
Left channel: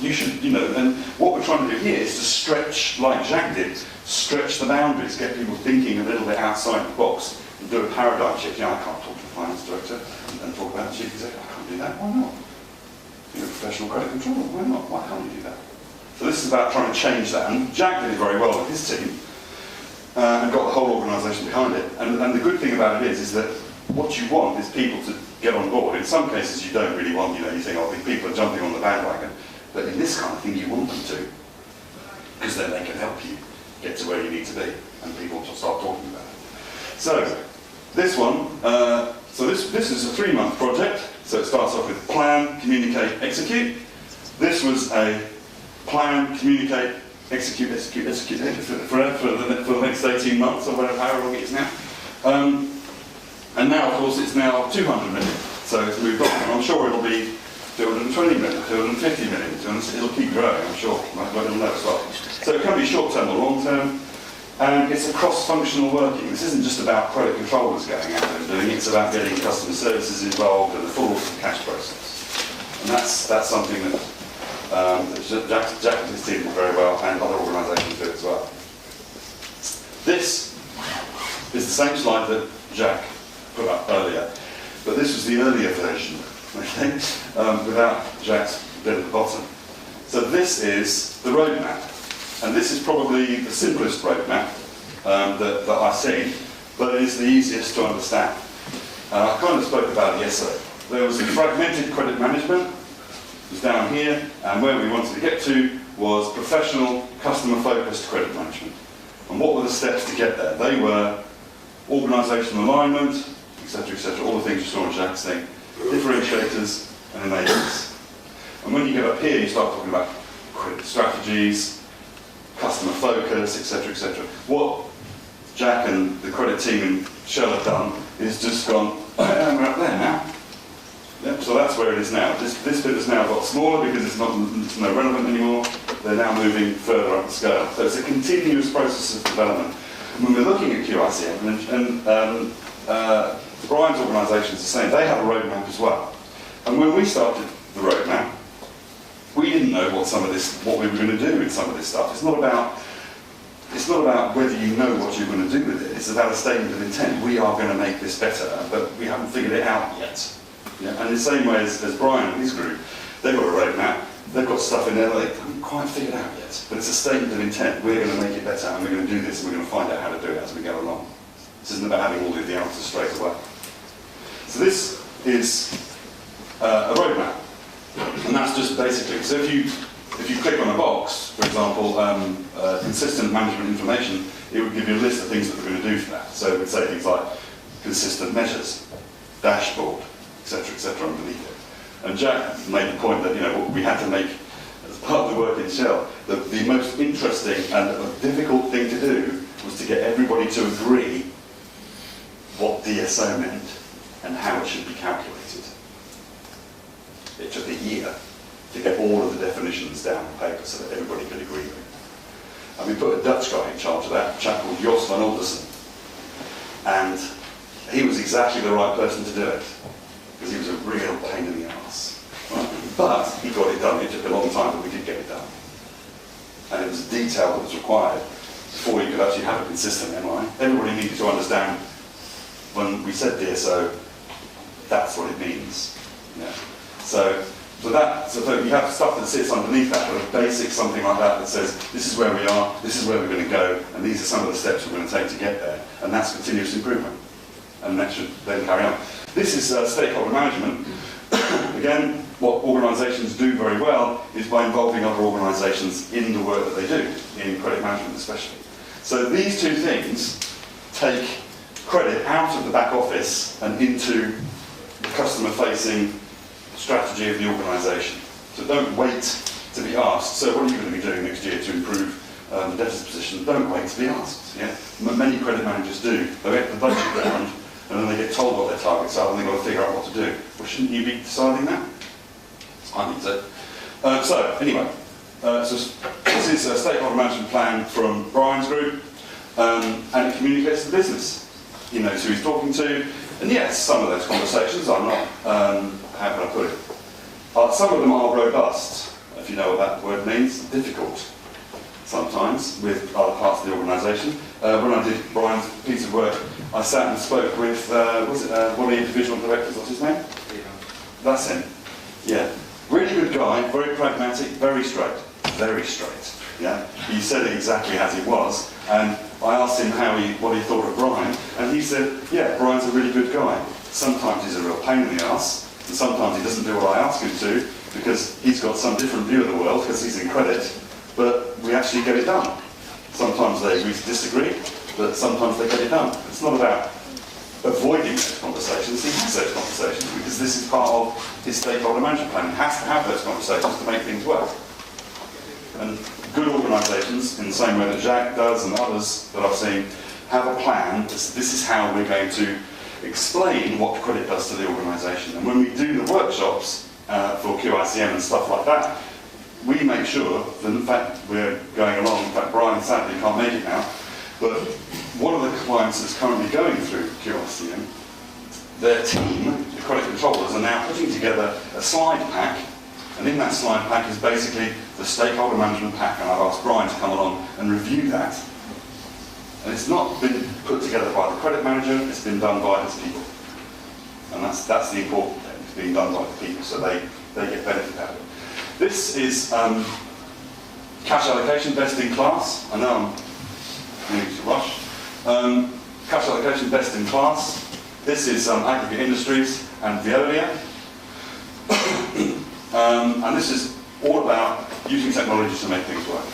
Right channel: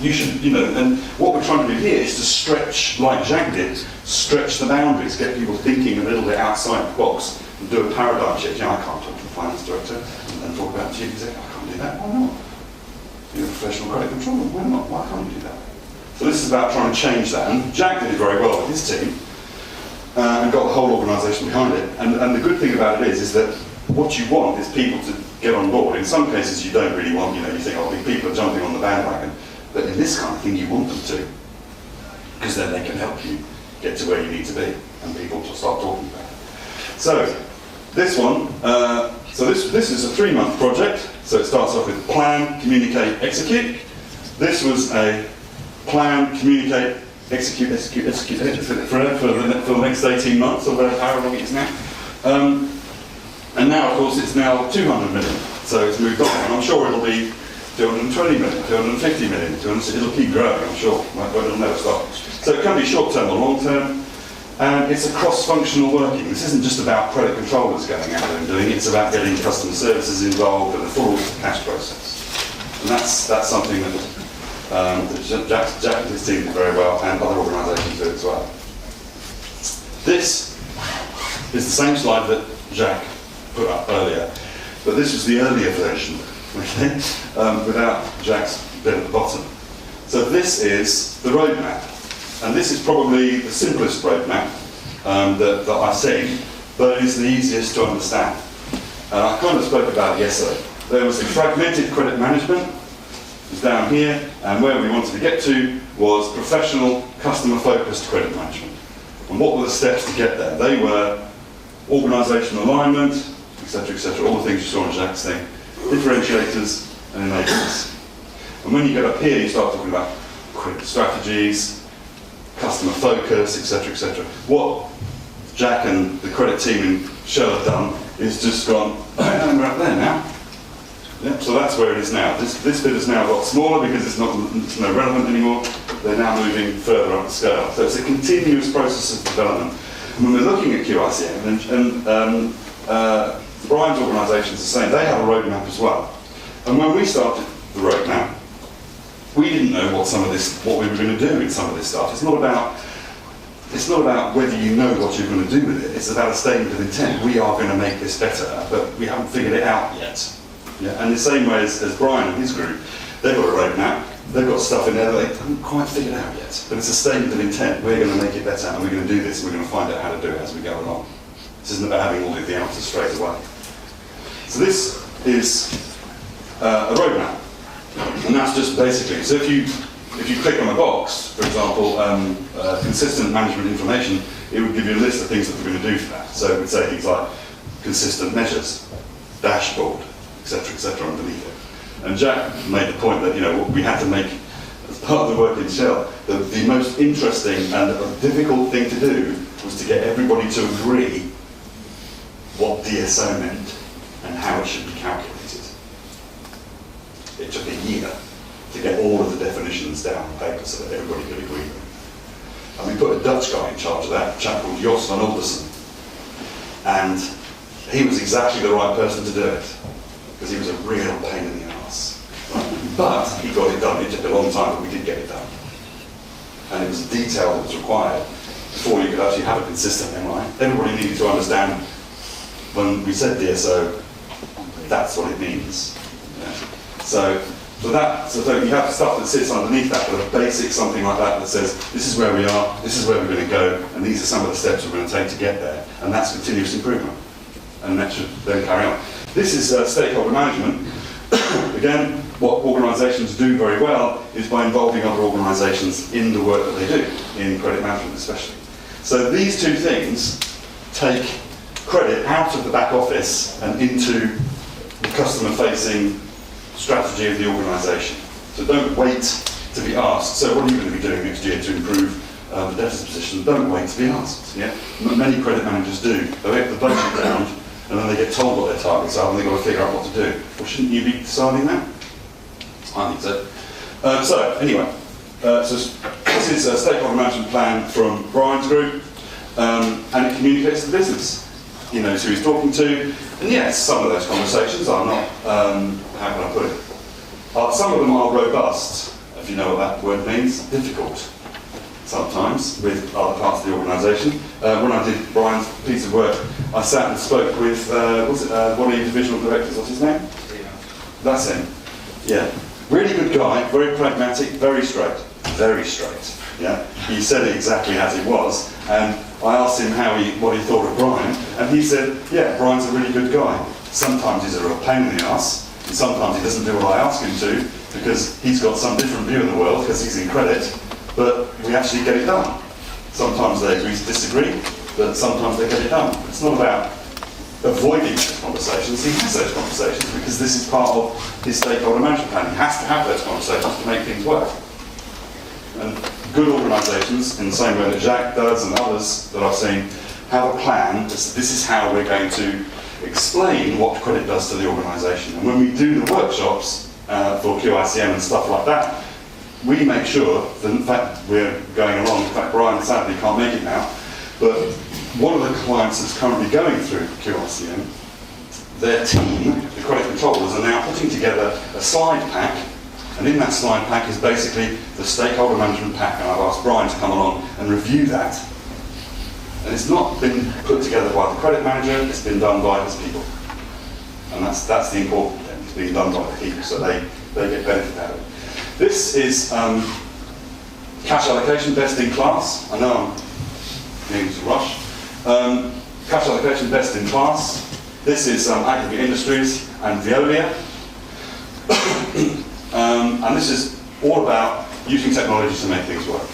you should, and what we're trying to do here is to stretch, like Jacques did, stretch the boundaries, get people thinking a little bit outside the box, and do a paradigm shift. I can't talk to the finance director and talk about the chief executive. I can't do that. Why not? You're a professional credit controller. Why not? Why can't you do that? So this is about trying to change that. And Jack did it very well with his team and got the whole organisation behind it. And the good thing about it is that what you want is people to get on board. In some cases you don't really want, you think, oh, people are jumping on the bandwagon. But in this kind of thing, you want them to, because then they can help you get to where you need to be, and people will start talking about it. So this one, this is a 3-month project. So it starts off with plan, communicate, execute. This was a plan, communicate, execute for the next 18 months, or whatever, however long it is now. And now, of course, it's now 200 million. So it's moved on, and I'm sure it'll be 220 million, 250 million, it'll keep growing, I'm sure, but it'll never stop. So it can be short-term or long-term, and it's a cross-functional working. This isn't just about credit controllers going out there and doing it, it's about getting customer services involved and the full cash process. And that's something that Jack and his team did very well, and other organisations do as well. This is the same slide that Jack put up earlier, but this was the earlier version. Okay, without Jack's bit at the bottom. So this is the roadmap, and this is probably the simplest roadmap that I've seen, but it is the easiest to understand. I kind of spoke about it yesterday. There was the fragmented credit management, it was down here, and where we wanted to get to was professional, customer-focused credit management. And what were the steps to get there? They were organisational alignment, etc., all the things you saw in Jack's thing. Differentiators and enablers. And when you get up here, you start talking about credit strategies, customer focus, etc. What Jack and the credit team in Shell have done is just gone, and we're up there now. Yep, so that's where it is now. This bit has now got smaller because it's no relevant anymore. They're now moving further up the scale. So it's a continuous process of development. And when we're looking at QiCM, and Brian's organisation is the same, they have a roadmap as well. And when we started the roadmap, we didn't know what we were going to do in some of this stuff. It's not about whether you know what you're going to do with it. It's about a statement of intent. We are going to make this better, but we haven't figured it out yet. Yeah? And the same way as Brian and his group, they've got a roadmap. They've got stuff in there that they haven't quite figured out yet. But it's a statement of intent. We're going to make it better, and we're going to do this, and we're going to find out how to do it as we go along. This isn't about having all of the answers straight away. So this is a roadmap. And that's just basically, so if you click on a box, for example, consistent management information, it would give you a list of things that we're going to do for that. So it would say things like consistent measures, dashboard, etc., underneath it. And Jack made the point that, you know, what we had to make, as part of the work in Shell, the most interesting and difficult thing to do was to get everybody to agree what DSO meant and how it should be calculated. It took a year to get all of the definitions down on paper so that everybody could agree with it. And we put a Dutch guy in charge of that, a chap called Jos van Aldersen. And he was exactly the right person to do it, because he was a real pain in the arse. Right? But he got it done. It took a long time, but we did get it done. And it was the detail that was required before you could actually have a consistent MI. Everybody needed to understand when we said DSO, that's what it means. Yeah. So you have stuff that sits underneath that, but a basic something like that that says, this is where we are, this is where we're going to go, and these are some of the steps we're going to take to get there. And that's continuous improvement. And that should then carry on. This is stakeholder management. Again, what organisations do very well is by involving other organisations in the work that they do, in credit management especially. So these two things take credit out of the back office and into the customer-facing strategy of the organisation. So don't wait to be asked, so what are you going to be doing next year to improve the debtors position? Don't wait to be asked. Yeah? Many credit managers do. They get the budget round and then they get told what their targets are and they've got to figure out what to do. Well, shouldn't you be deciding that? I think so. This is a stakeholder management plan from Brian's group, and it communicates to the business. He knows who he's talking to, and yes, some of those conversations are not, how can I put it? Some of them are robust, if you know what that word means, difficult sometimes with other parts of the organisation. When I did Brian's piece of work, I sat and spoke with, one of your divisional directors, what's his name? Yeah. That's him, yeah. Really good guy, very pragmatic, very straight, yeah. He said it exactly as it was, and I asked him what he thought of Brian, and he said, yeah, Brian's a really good guy. Sometimes he's a real pain in the arse, and sometimes he doesn't do what I ask him to, because he's got some different view of the world, because he's in credit, but we actually get it done. Sometimes they agree to disagree, but sometimes they get it done. It's not about avoiding those conversations. He has those conversations because this is part of his stakeholder management plan. He has to have those conversations to make things work. And good organisations, in the same way that Jacques does and others that I've seen, have a plan. This is how we're going to explain what credit does to the organisation. And when we do the workshops for QiCM and stuff like that, we make sure that, in fact, we're going along. In fact, Brian sadly can't make it now, but one of the clients that's currently going through QiCM, their team, the credit controllers, are now putting together a slide pack, and in that slide pack is basically the stakeholder management pack, and I've asked Brian to come along and review that. And it's not been put together by the credit manager, it's been done by his people. And that's the important thing, it's being done by the people, so they get benefit out of it. This is cash allocation best in class. I know I'm needing to rush. Cash allocation best in class. This is Aggregate Industries and Veolia. And this is all about using technology to make things work.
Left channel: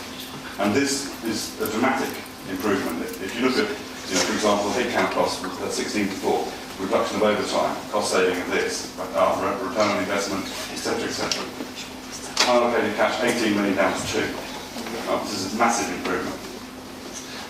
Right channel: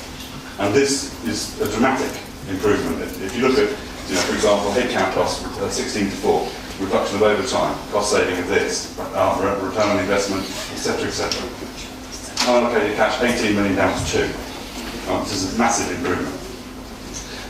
And this is a dramatic improvement. If you look at, for example, headcount costs 16:4, reduction of overtime, cost saving of this, return on investment, etc., etc. Unallocated cash, 18 million down to 2. This is a massive improvement.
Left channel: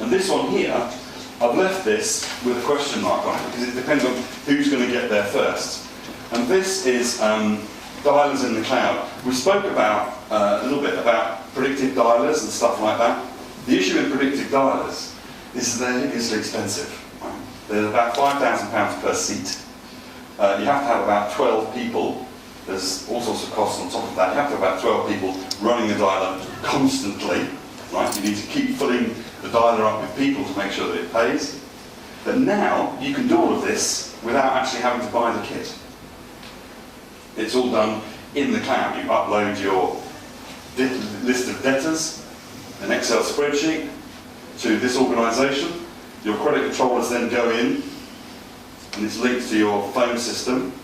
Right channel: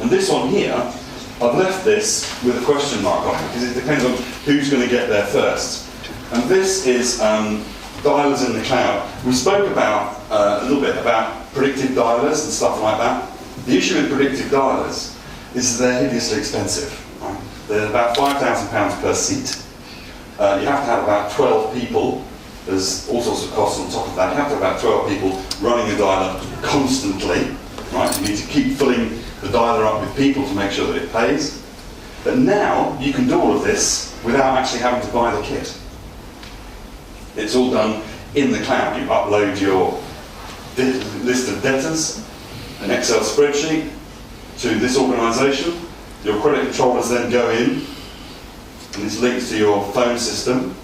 And this one here, I've left this with a question mark on it because it depends on who's going to get there first. And this is dialers in the cloud. We spoke about a little bit about predictive dialers and stuff like that. The issue with predictive dialers is that they're hideously expensive. Right? They're about £5,000 per seat. You have to have about 12 people. There's all sorts of costs on top of that. You have to have about 12 people running the dialer constantly. Right? You need to keep filling the dialer up with people to make sure that it pays. But now you can do all of this without actually having to buy the kit. It's all done in the cloud. You upload your list of debtors, an Excel spreadsheet, to this organisation. Your credit controllers then go in, and it's linked to your phone system,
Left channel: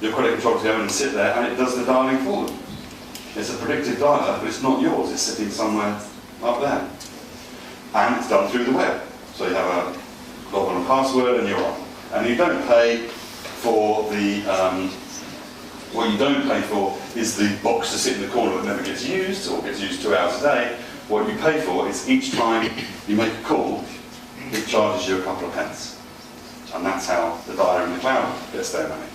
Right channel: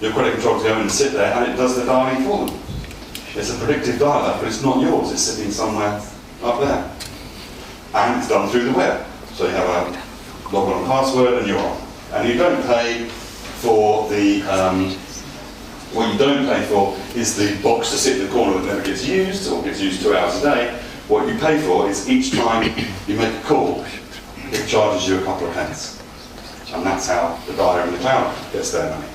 your credit controllers go in and sit there and it does the dialing for them. It's a predictive dialer, but it's not yours, it's sitting somewhere up there. And it's done through the web. So you have a login and password and you're on. And you don't pay for the, what you don't pay for is the box to sit in the corner that never gets used or gets used 2 hours a day. What you pay for is each time you make a call, it charges you a couple of pence. And that's how the dialer in the cloud gets their money.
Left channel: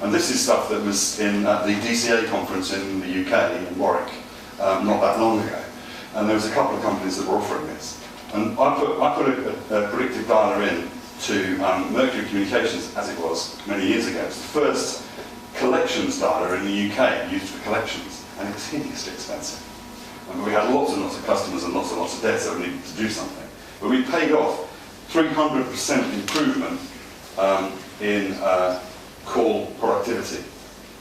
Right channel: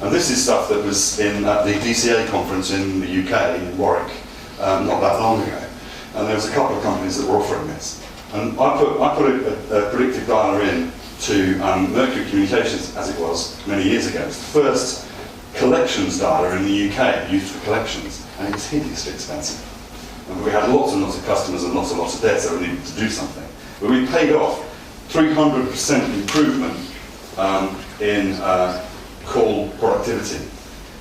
And this is stuff that was at the DCA conference in the UK, in Warwick, not that long ago. And there was a couple of companies that were offering this. And I put a predictive dialer in to Mercury Communications, as it was many years ago. It's the first collections dialer in the UK used for collections, and it was hideously expensive. And we had lots and lots of customers and lots of debt, so we needed to do something. But we paid off 300% improvement in call productivity,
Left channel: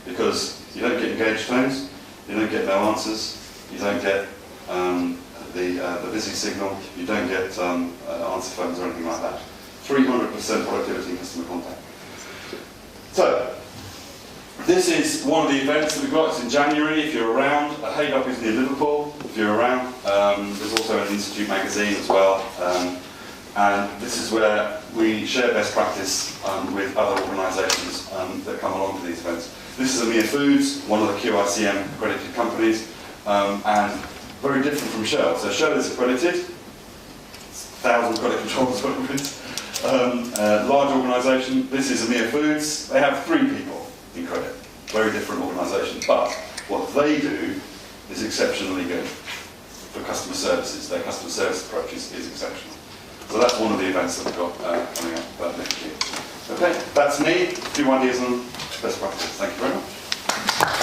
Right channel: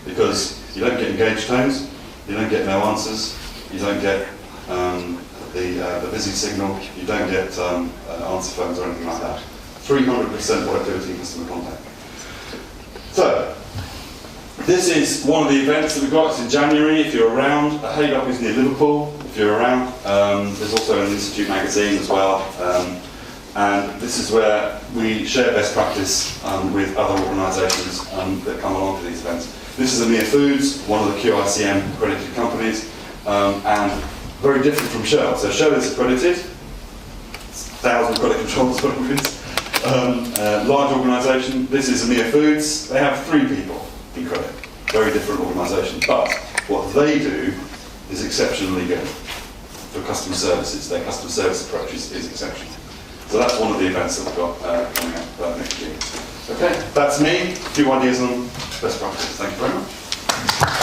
because you don't get engaged tones, you don't get no answers, you don't get the busy signal, you don't get answer phones or anything like that. 300% productivity in customer contact. So, this is one of the events that we've got. It's in January, if you're around. Haydup is near Liverpool, if you're around. There's also an Institute magazine as well. And this is where we share best practice with other organisations that come along to these events. This is Amir Foods, one of the QiCM accredited companies, and very different from Shell. So Shell is accredited, 1,000 credit controllers, whatever it is. Large organisation. This is Amir Foods. They have 3 people in credit. Very different organisation. But what they do is exceptionally good for customer services. Their customer service approach is exceptional. So that's one of the events that we've got coming up next year. Okay, that's me. A few ideas on best practice. Thank you very much.